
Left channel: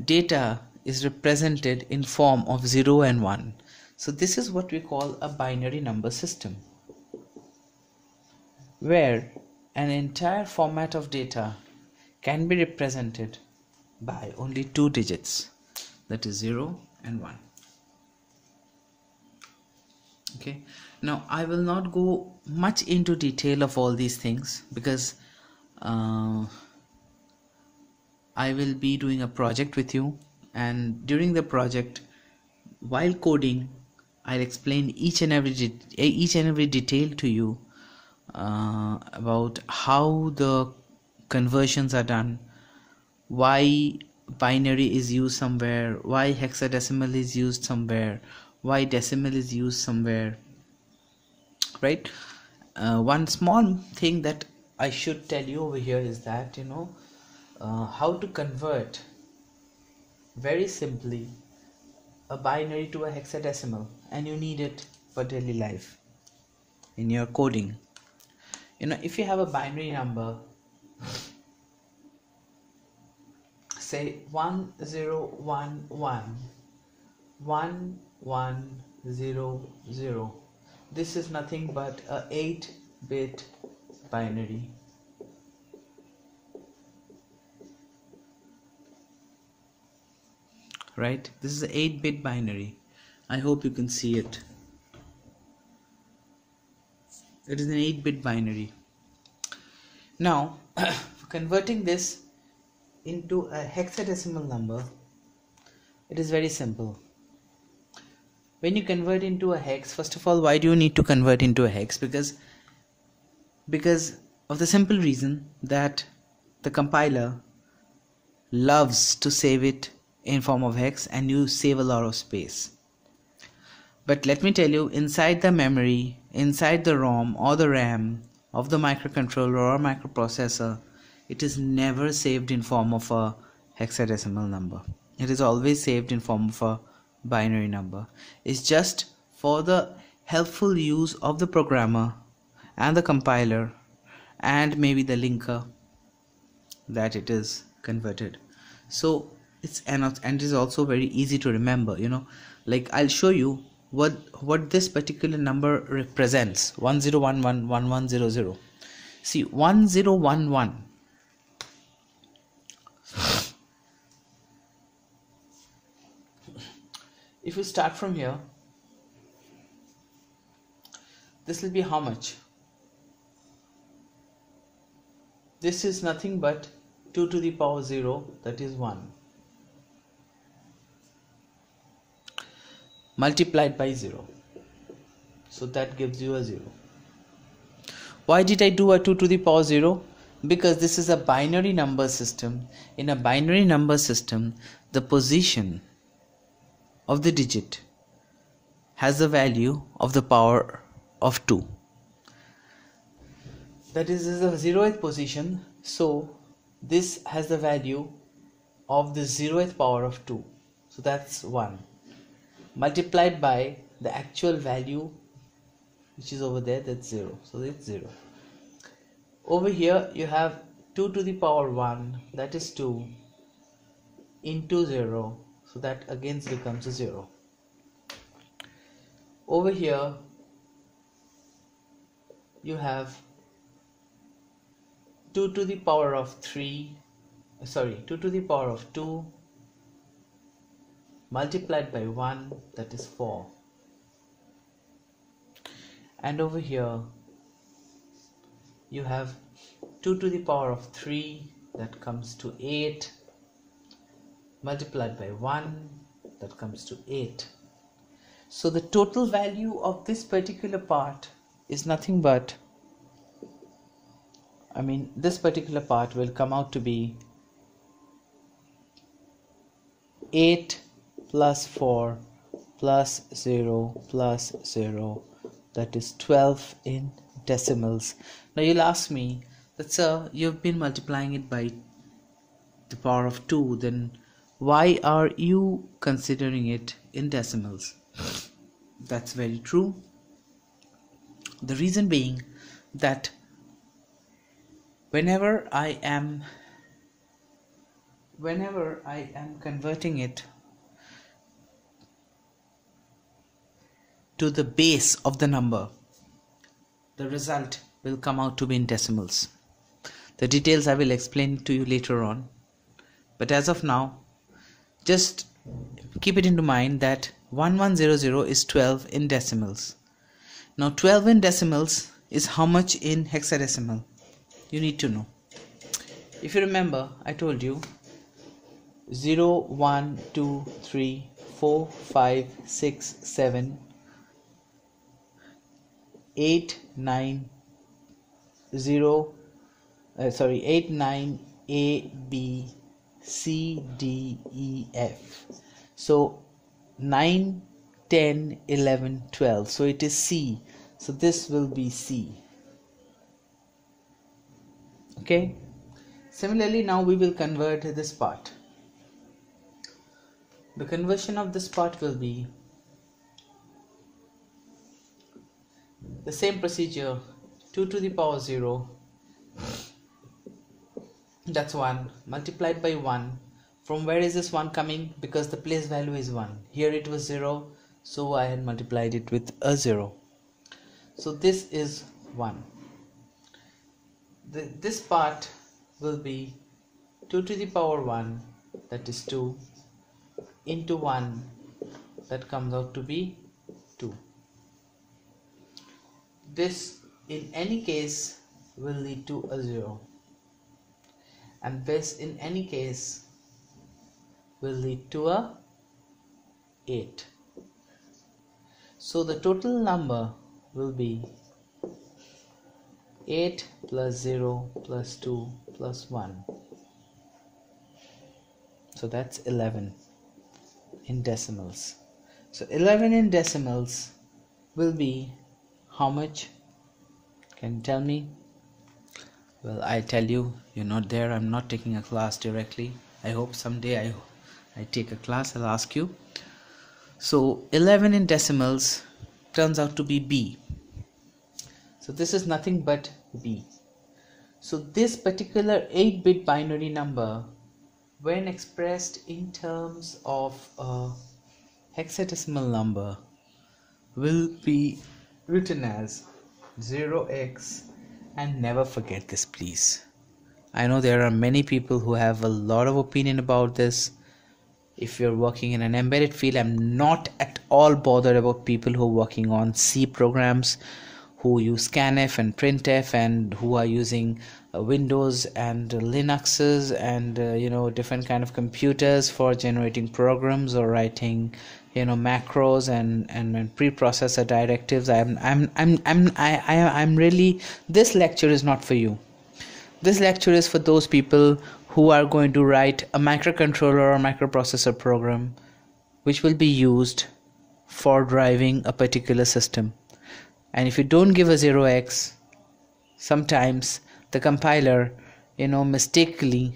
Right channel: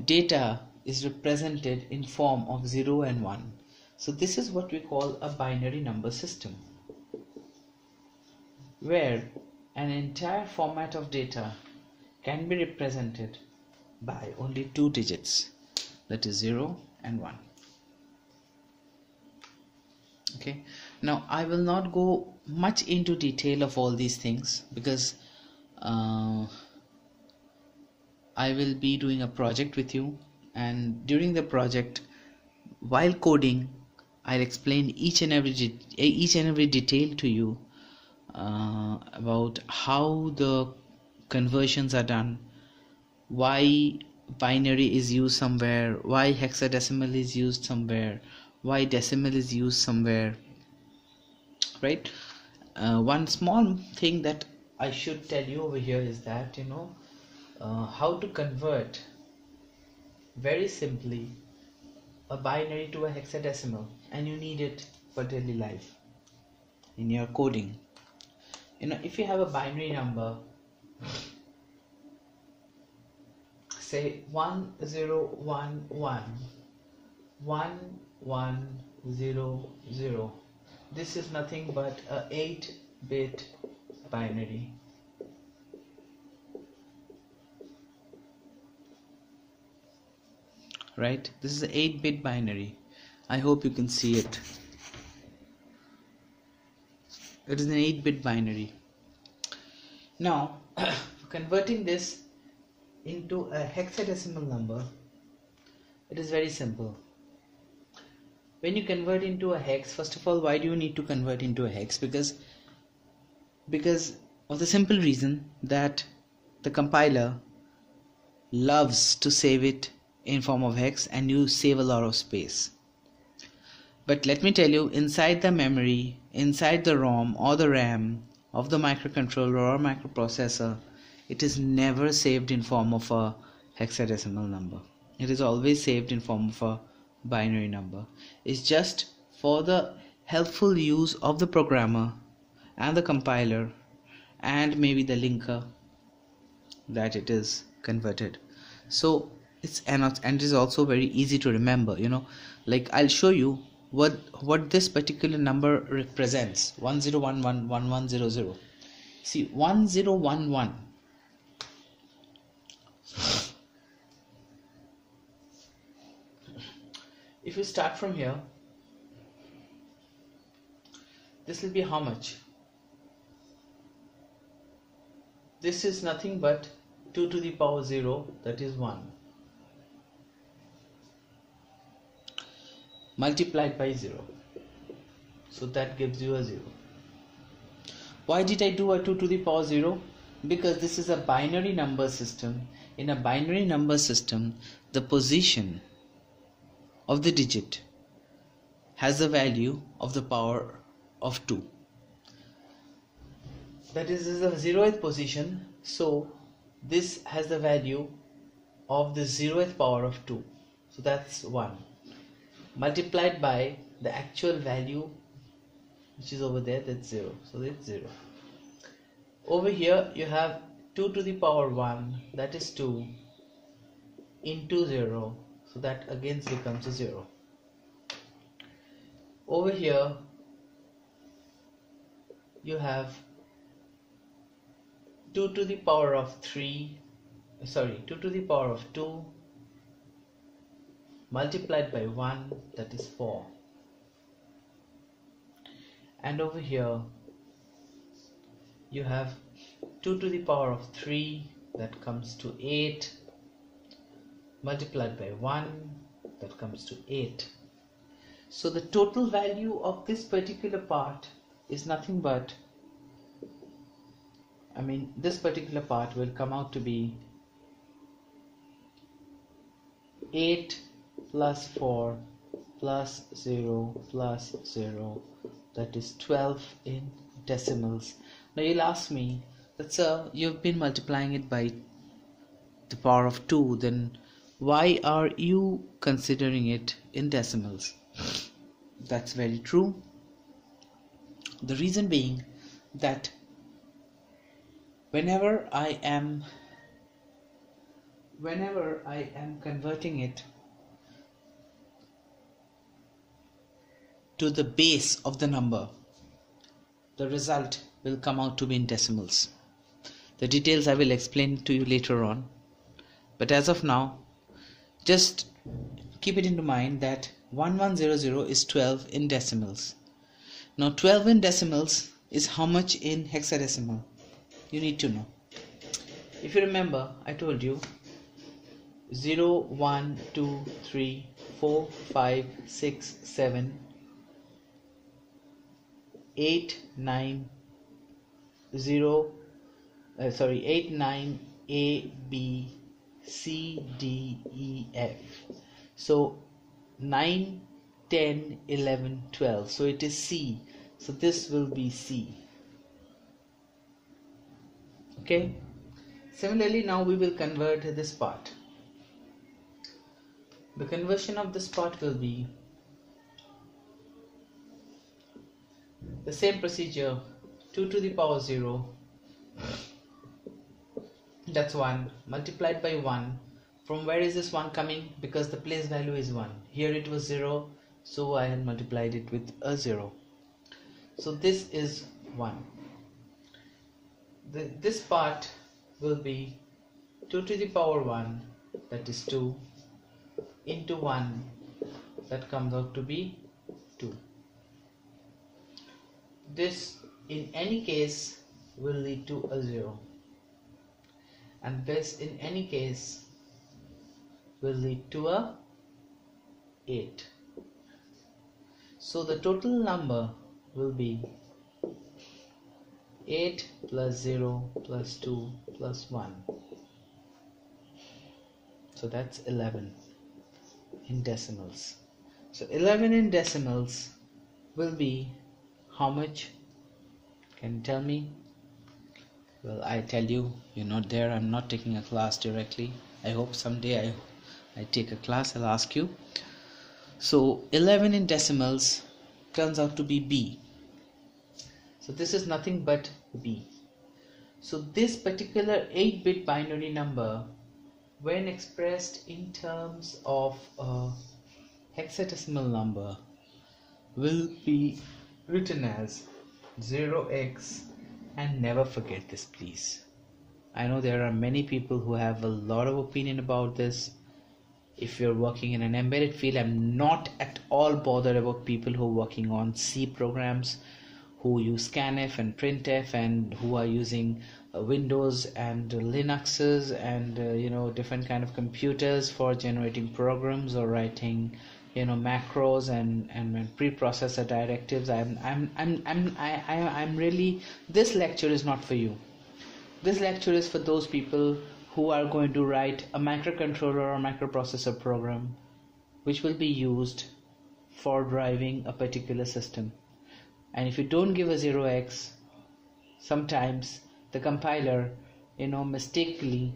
data is represented in form of 0 and 1. So this is what we call a binary number system, where an entire format of data can be represented by only 2 digits, that is 0 and 1. Okay, now I will not go much into detail of all these things, because I will be doing a project with you, and during the project, while coding, I'll explain each and every detail to you about how the conversions are done, why binary is used somewhere, why hexadecimal is used somewhere, why decimal is used somewhere, right? One small thing that I should tell you over here is that, how to convert very simply a binary to a hexadecimal, and you need it for daily life in your coding. If you have a binary number, say 10111100, this is nothing but a 8-bit binary. Right, this is an 8-bit binary. I hope you can see it. It is an 8-bit binary. Now, converting this into a hexadecimal number, it is very simple. When you convert into a hex, first of all, why do you need to convert into a hex? Because because of the simple reason that the compiler loves to save it in form of hex, and you save a lot of space. But let me tell you, inside the memory, inside the ROM or the RAM of the microcontroller or microprocessor, it is never saved in form of a hexadecimal number. It is always saved in form of a binary number. It's just for the helpful use of the programmer and the compiler and maybe the linker that it is converted. So it's and it is also very easy to remember, like I'll show you what this particular number represents. 10111100. See, 1011, if you start from here, this will be how much? This is nothing but 2 to the power 0, that is 1, multiplied by 0. So that gives you a 0. Why did I do a 2 to the power 0? Because this is a binary number system. In a binary number system, the position of the digit has the value of the power of 2. That is the 0th position, so this has the value of the 0th power of 2, so that's 1, multiplied by the actual value which is over there, that's 0, so it's 0. Over here you have 2 to the power 1, that is 2, into 0, so that again becomes a 0. Over here you have 2 to the power of 2 to the power of 2 multiplied by 1, that is 4. And over here you have 2 to the power of 3, that comes to 8, multiplied by 1, that comes to 8. So the total value of this particular part is nothing but, this particular part will come out to be 8 plus 4 plus 0 plus 0, that is 12 in decimals. Now you'll ask me that, sir, you've been multiplying it by the power of 2, then why are you considering it in decimals? That's very true. The reason being that whenever I am converting it to the base of the number, the result will come out to be in decimals. The details I will explain to you later on, but as of now, just keep it into mind that 1100 is 12 in decimals. Now 12 in decimals is how much in hexadecimal? You need to know. If you remember, I told you 0, 1, 2, 3, 4, 5, 6, 7, 8, 9, 8, 9, A, B, C, D, E, F. So 9, 10, 11, 12. So it is C. So this will be C. Okay. Similarly, now we will convert this part. The conversion of this part will be the same procedure. 2 to the power 0, that's 1, multiplied by 1. From where is this 1 coming? Because the place value is 1. Here it was 0, so I had multiplied it with a 0. So this is 1. This part will be 2 to the power 1, that is 2, into 1, that comes out to be 2. This in any case will lead to a 0, and this in any case will lead to a 8. So the total number will be 8 plus 0 plus 2 plus 1. So that's 11 in decimals. So 11 in decimals will be how much? Can you tell me? Well, I tell you, you're not there. I'm not taking a class directly. I hope someday I take a class, I'll ask you. So 11 in decimals turns out to be B. So this is nothing but B. So this particular 8-bit binary number, when expressed in terms of a hexadecimal number, will be written as 0x, and never forget this, please. I know there are many people who have a lot of opinion about this. If you're working in an embedded field, I'm not at all bothered about people who are working on C programs, who use scanf and printf, and who are using Windows and Linuxes and different kind of computers for generating programs or writing macros and preprocessor directives. I'm really, this lecture is not for you. This lecture is for those people who are going to write a microcontroller or microprocessor program which will be used for driving a particular system. And if you don't give a 0x, sometimes the compiler mistakenly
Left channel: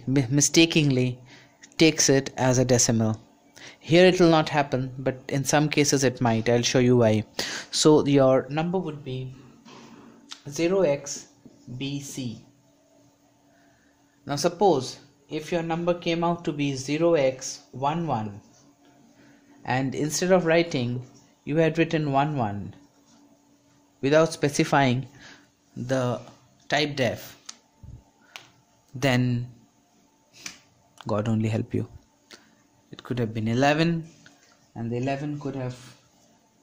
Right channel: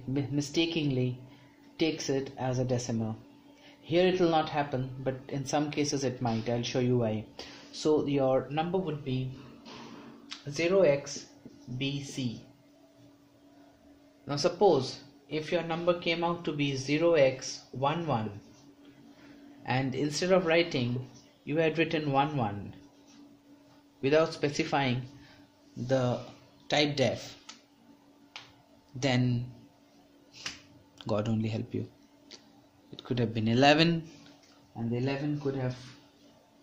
takes it as a decimal. Here it will not happen, but in some cases it might. I'll show you why. So your number would be 0xBC. Now suppose if your number came out to be 0x11, and instead of writing, you had written 11 without specifying the type def, then God only help you. It could have been 11, and the 11 could have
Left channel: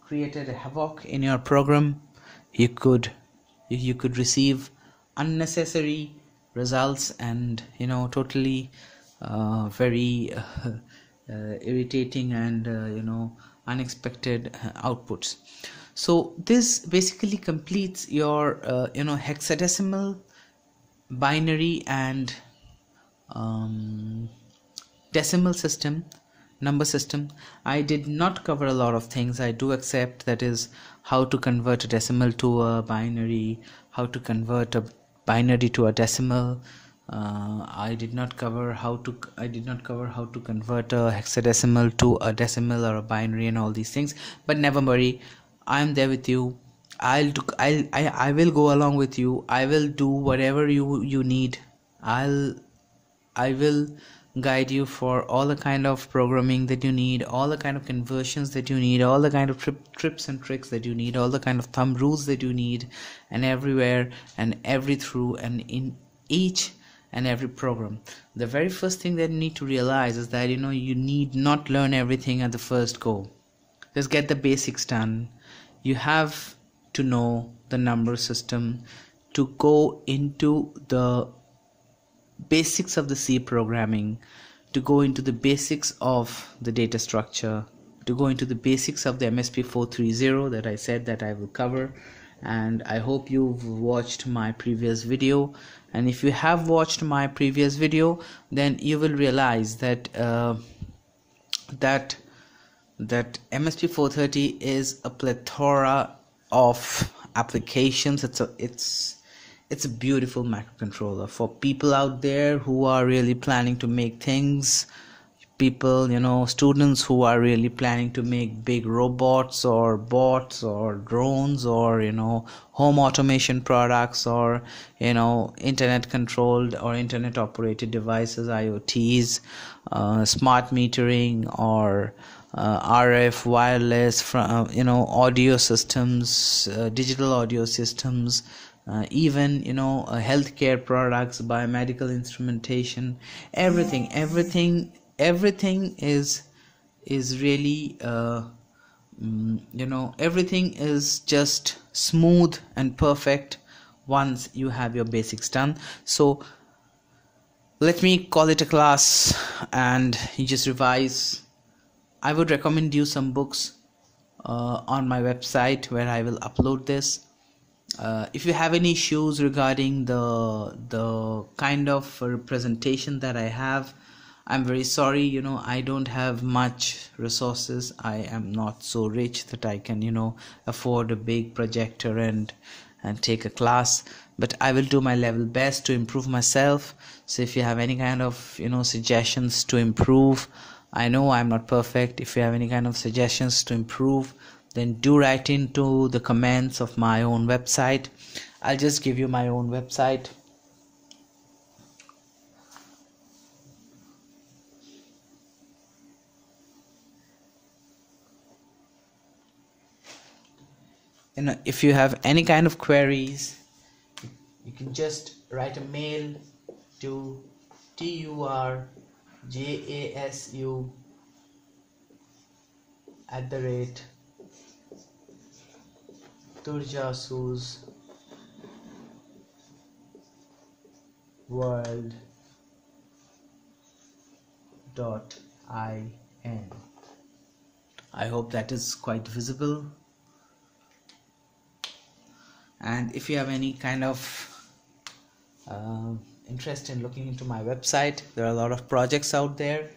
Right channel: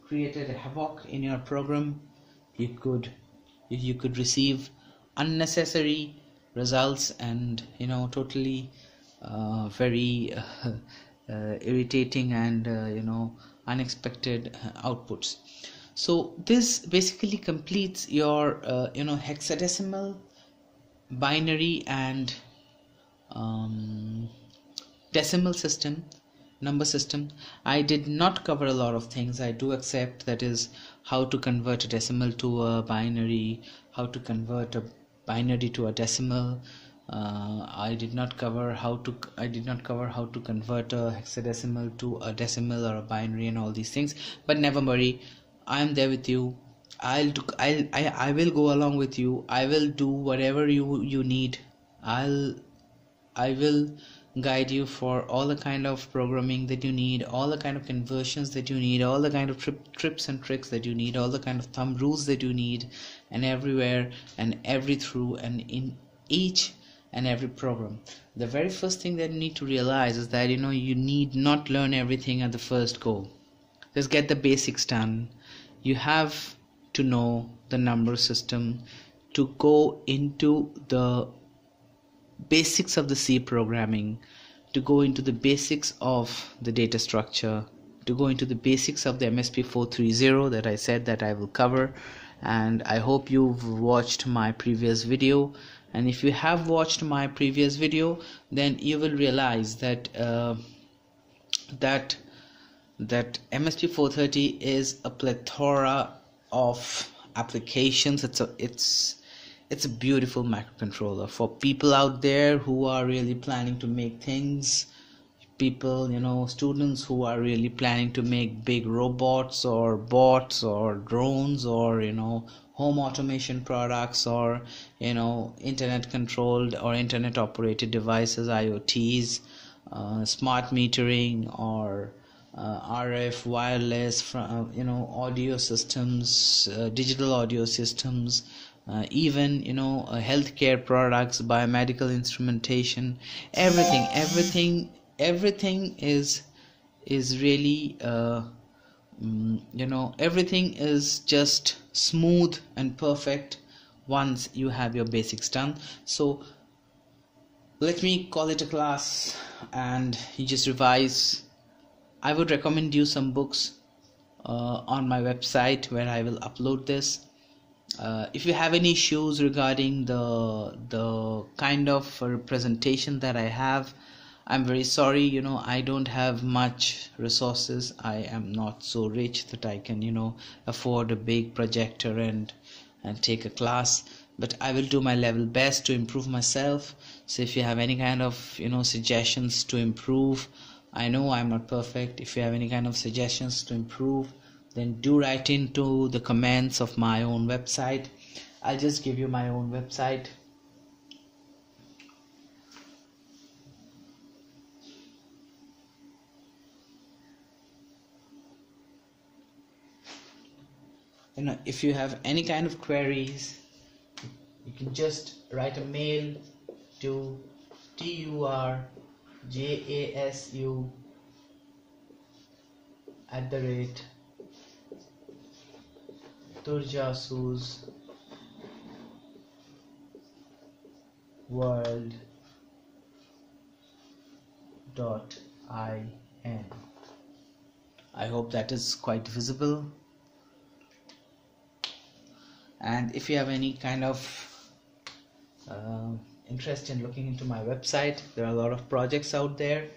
created a havoc in your program. You could receive unnecessary results and totally very irritating and unexpected outputs. So this basically completes your hexadecimal, binary and decimal system, number system. I did not cover a lot of things. I do accept, that is, how to convert a decimal to a binary, how to convert a binary to a decimal. I did not cover how to convert a hexadecimal to a decimal or a binary and all these things. But never worry, I am there with you. I will go along with you. I will do whatever you need. I will guide you for all the kind of programming that you need, all the kind of conversions that you need, all the kind of trips and tricks that you need, all the kind of thumb rules that you need, and everywhere and every through and in each and every program. The very first thing that you need to realize is that you need not learn everything at the first go. Just get the basics done. You have to know the number system to go into the basics of the C programming, to go into the basics of the data structure, to go into the basics of the MSP430 that I said that I will cover. And I hope you've watched my previous video, and if you have watched my previous video, then you will realize that that MSP430 is a plethora of applications. It's a beautiful microcontroller for people out there who are really planning to make things, people, students who are really planning to make big robots or bots or drones or home automation products or internet controlled or internet operated devices, IoTs, smart metering or RF, wireless, audio systems, digital audio systems, even healthcare products, biomedical instrumentation, everything is really everything is just smooth and perfect once you have your basics done. So let me call it a class and you just revise. I would recommend you some books on my website where I will upload this. If you have any issues regarding the kind of representation that I have, I'm very sorry. I don't have much resources. I am not so rich that I can afford a big projector and take a class, but I will do my level best to improve myself. So if you have any kind of suggestions to improve, I know I'm not perfect. If you have any kind of suggestions to improve, then do write into the comments of my own website. I'll just give you my own website. If you have any kind of queries, you can just write a mail to turjasusworld.in. I hope that is quite visible. And if you have any kind of interest in looking into my website, there are a lot of projects out there,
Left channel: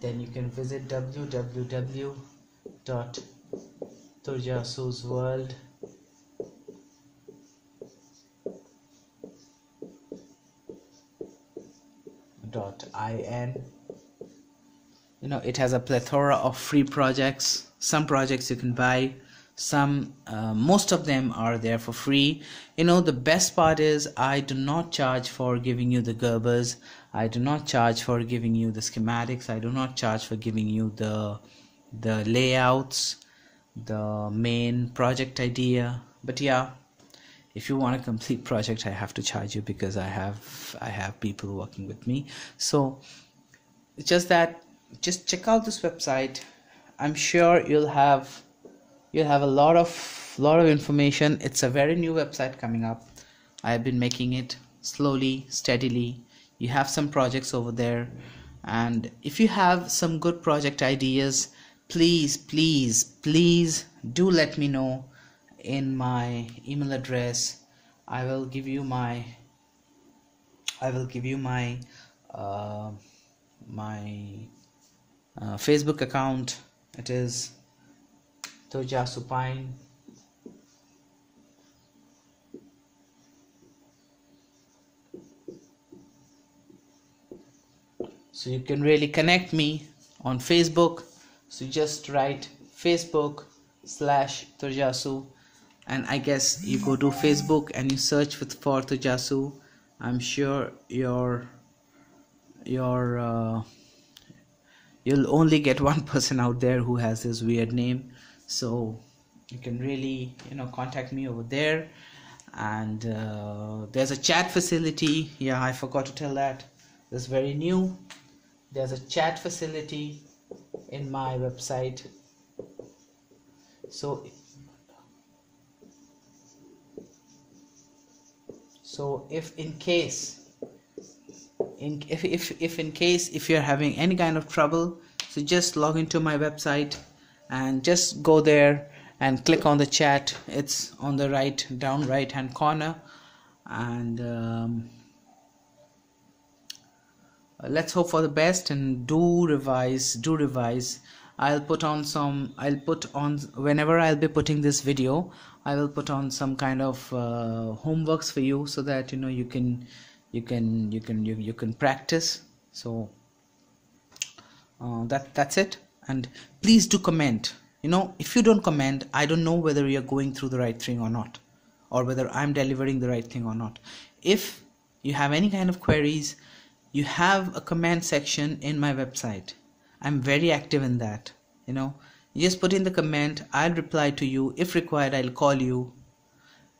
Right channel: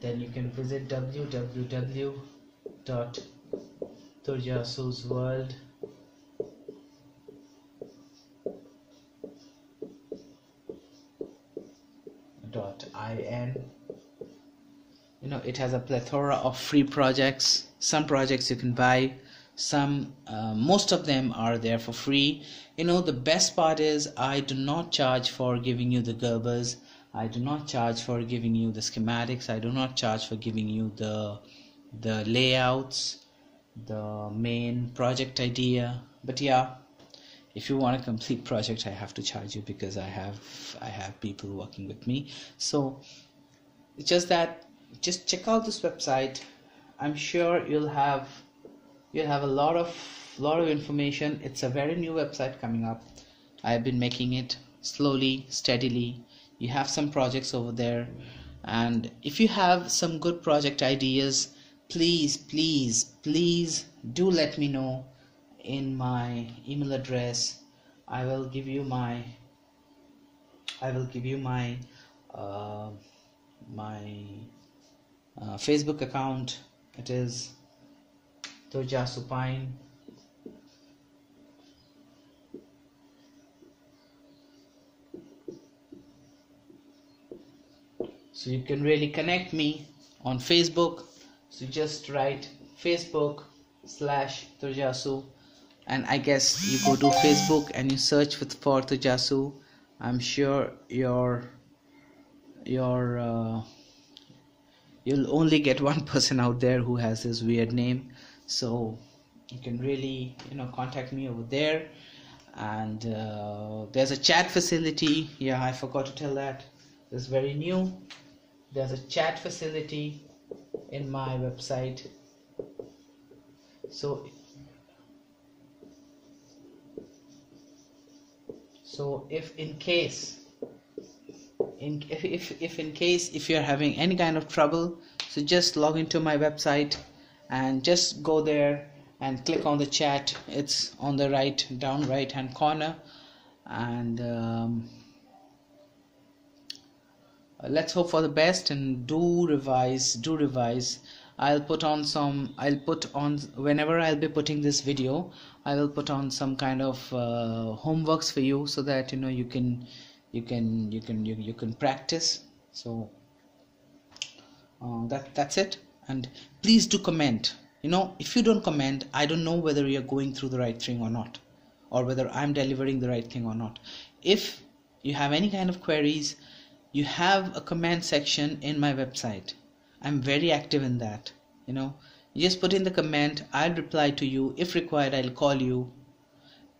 then you can visit www.turjasusworld.in. It has a plethora of free projects. Some projects you can buy, some most of them are there for free. The best part is I do not charge for giving you the Gerbers. I do not charge for giving you the schematics. I do not charge for giving you the layouts, the main project idea. But yeah, if you want a complete project, I have to charge you because I have people working with me. So it's just that, just check out this website. I'm sure you'll have a lot of information. It's a very new website coming up. I have been making it slowly, steadily. You have some projects over there, and if you have some good project ideas, please do let me know in my email address. I will give you my Facebook account. It is Tojasupine. So you can really connect me on Facebook. So you just write Facebook/Tojasu, and I guess you go to Facebook and you search for Tojasu. I'm sure you'll only get one person out there who has this weird name. So you can really contact me over there. And there's a chat facility. Yeah, I forgot to tell that. It's very new. There's a chat facility in my website. So if in case if you're having any kind of trouble, so just log into my website and just go there and click on the chat. It's on the right hand corner. And let's hope for the best, and do revise. I'll put on whenever I'll be putting this video, I will put on some kind of homeworks for you, so that you can practice. So that's it. And please do comment. If you don't comment, I don't know whether you're going through the right thing or not, or whether I'm delivering the right thing or not. If you have any kind of queries, you have a comment section in my website. I'm very active in that. You just put in the comment, I'll reply to you. If required, I'll call you,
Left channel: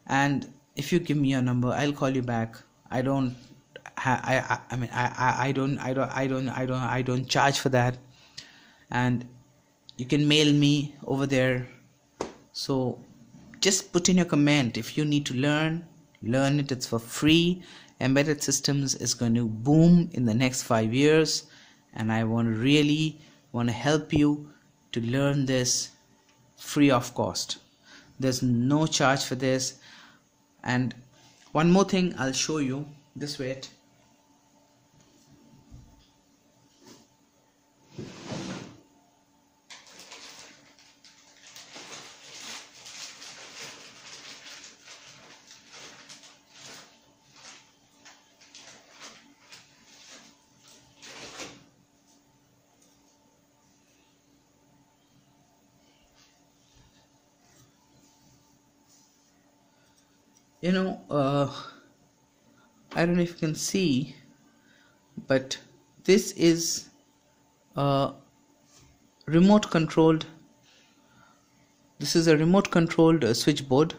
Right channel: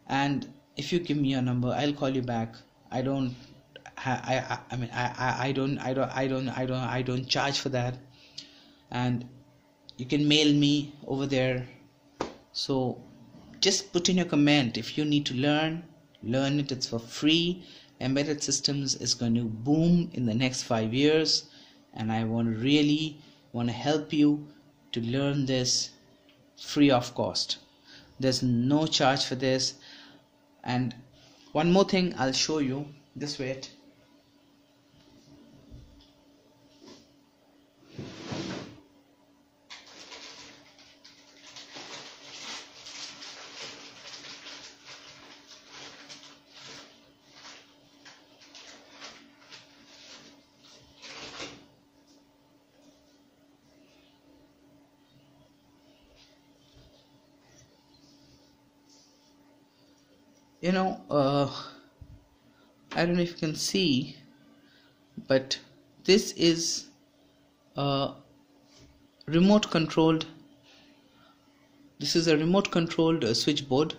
and if you give me your number, I'll call you back. I don't charge for that. And you can mail me over there. So just put in your comment. If you need to learn it. It's for free. Embedded systems is going to boom in the next 5 years, and I really want to help you to learn this free of cost. There's no charge for this, And one more thing I'll show you. This way it. I don't know if you can see, but this is a remote controlled switchboard,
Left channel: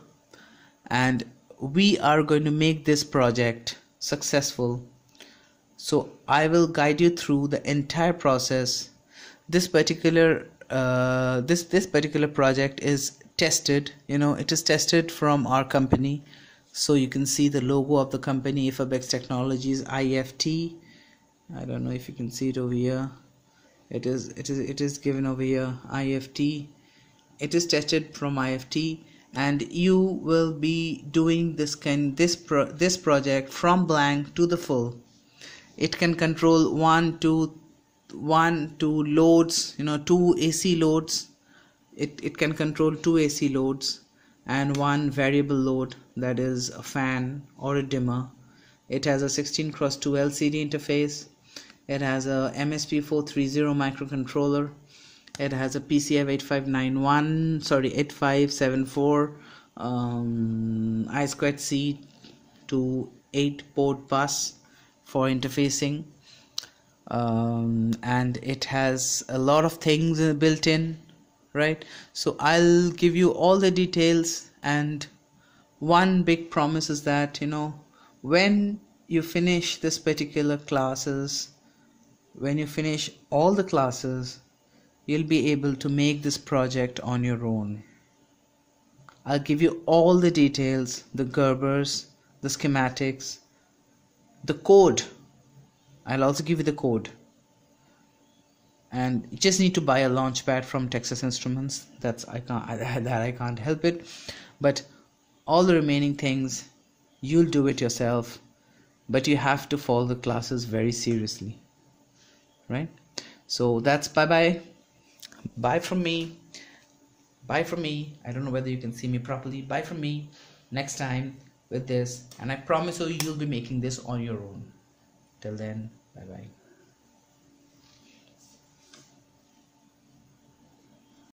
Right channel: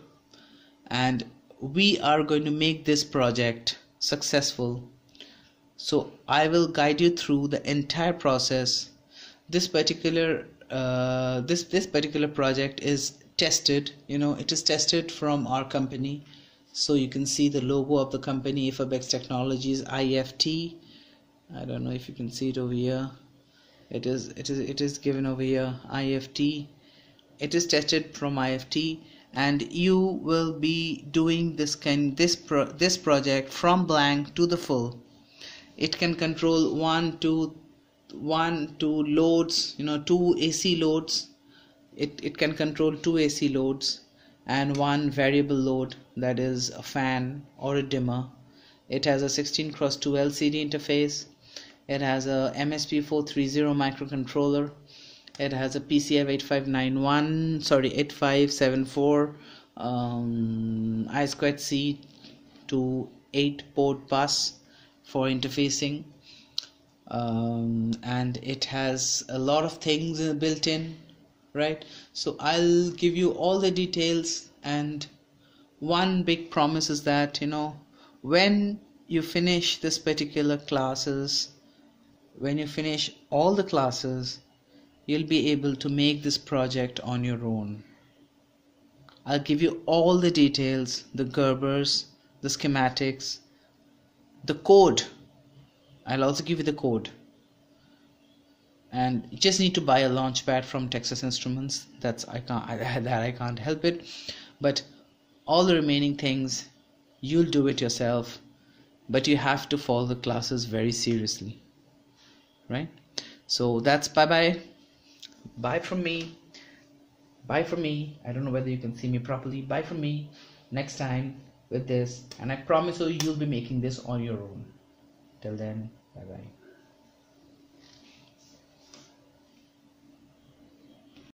and we are going to make this project successful. So I will guide you through the entire process. This particular project is tested, it is tested from our company. So you can see the logo of the company, Ifabex Technologies, IFT. I don't know if you can see it over here. It is given over here, IFT. It is tested from IFT, and you will be doing this project from blank to the full. It can control one to loads, 2 AC loads. It can control 2 AC loads and 1 variable load, that is a fan or a dimmer. It has a 16x2 LCD interface. It has a MSP430 microcontroller. It has a PCF 8574 I2C to 8 port bus for interfacing, and it has a lot of things built in, right? So I'll give you all the details, and one big promise is that when you finish this particular classes, when you finish all the classes, you'll be able to make this project on your own. I'll give you all the details, the Gerbers, the schematics, the code. I'll also give you the code. And you just need to buy a launchpad from Texas Instruments. I can't help it. But all the remaining things, you'll do it yourself. But you have to follow the classes very seriously, right? So that's bye from me. Bye from me. I don't know whether you can see me properly. Bye from me next time with this, and I promise you'll be making this on your own. Till then, bye bye.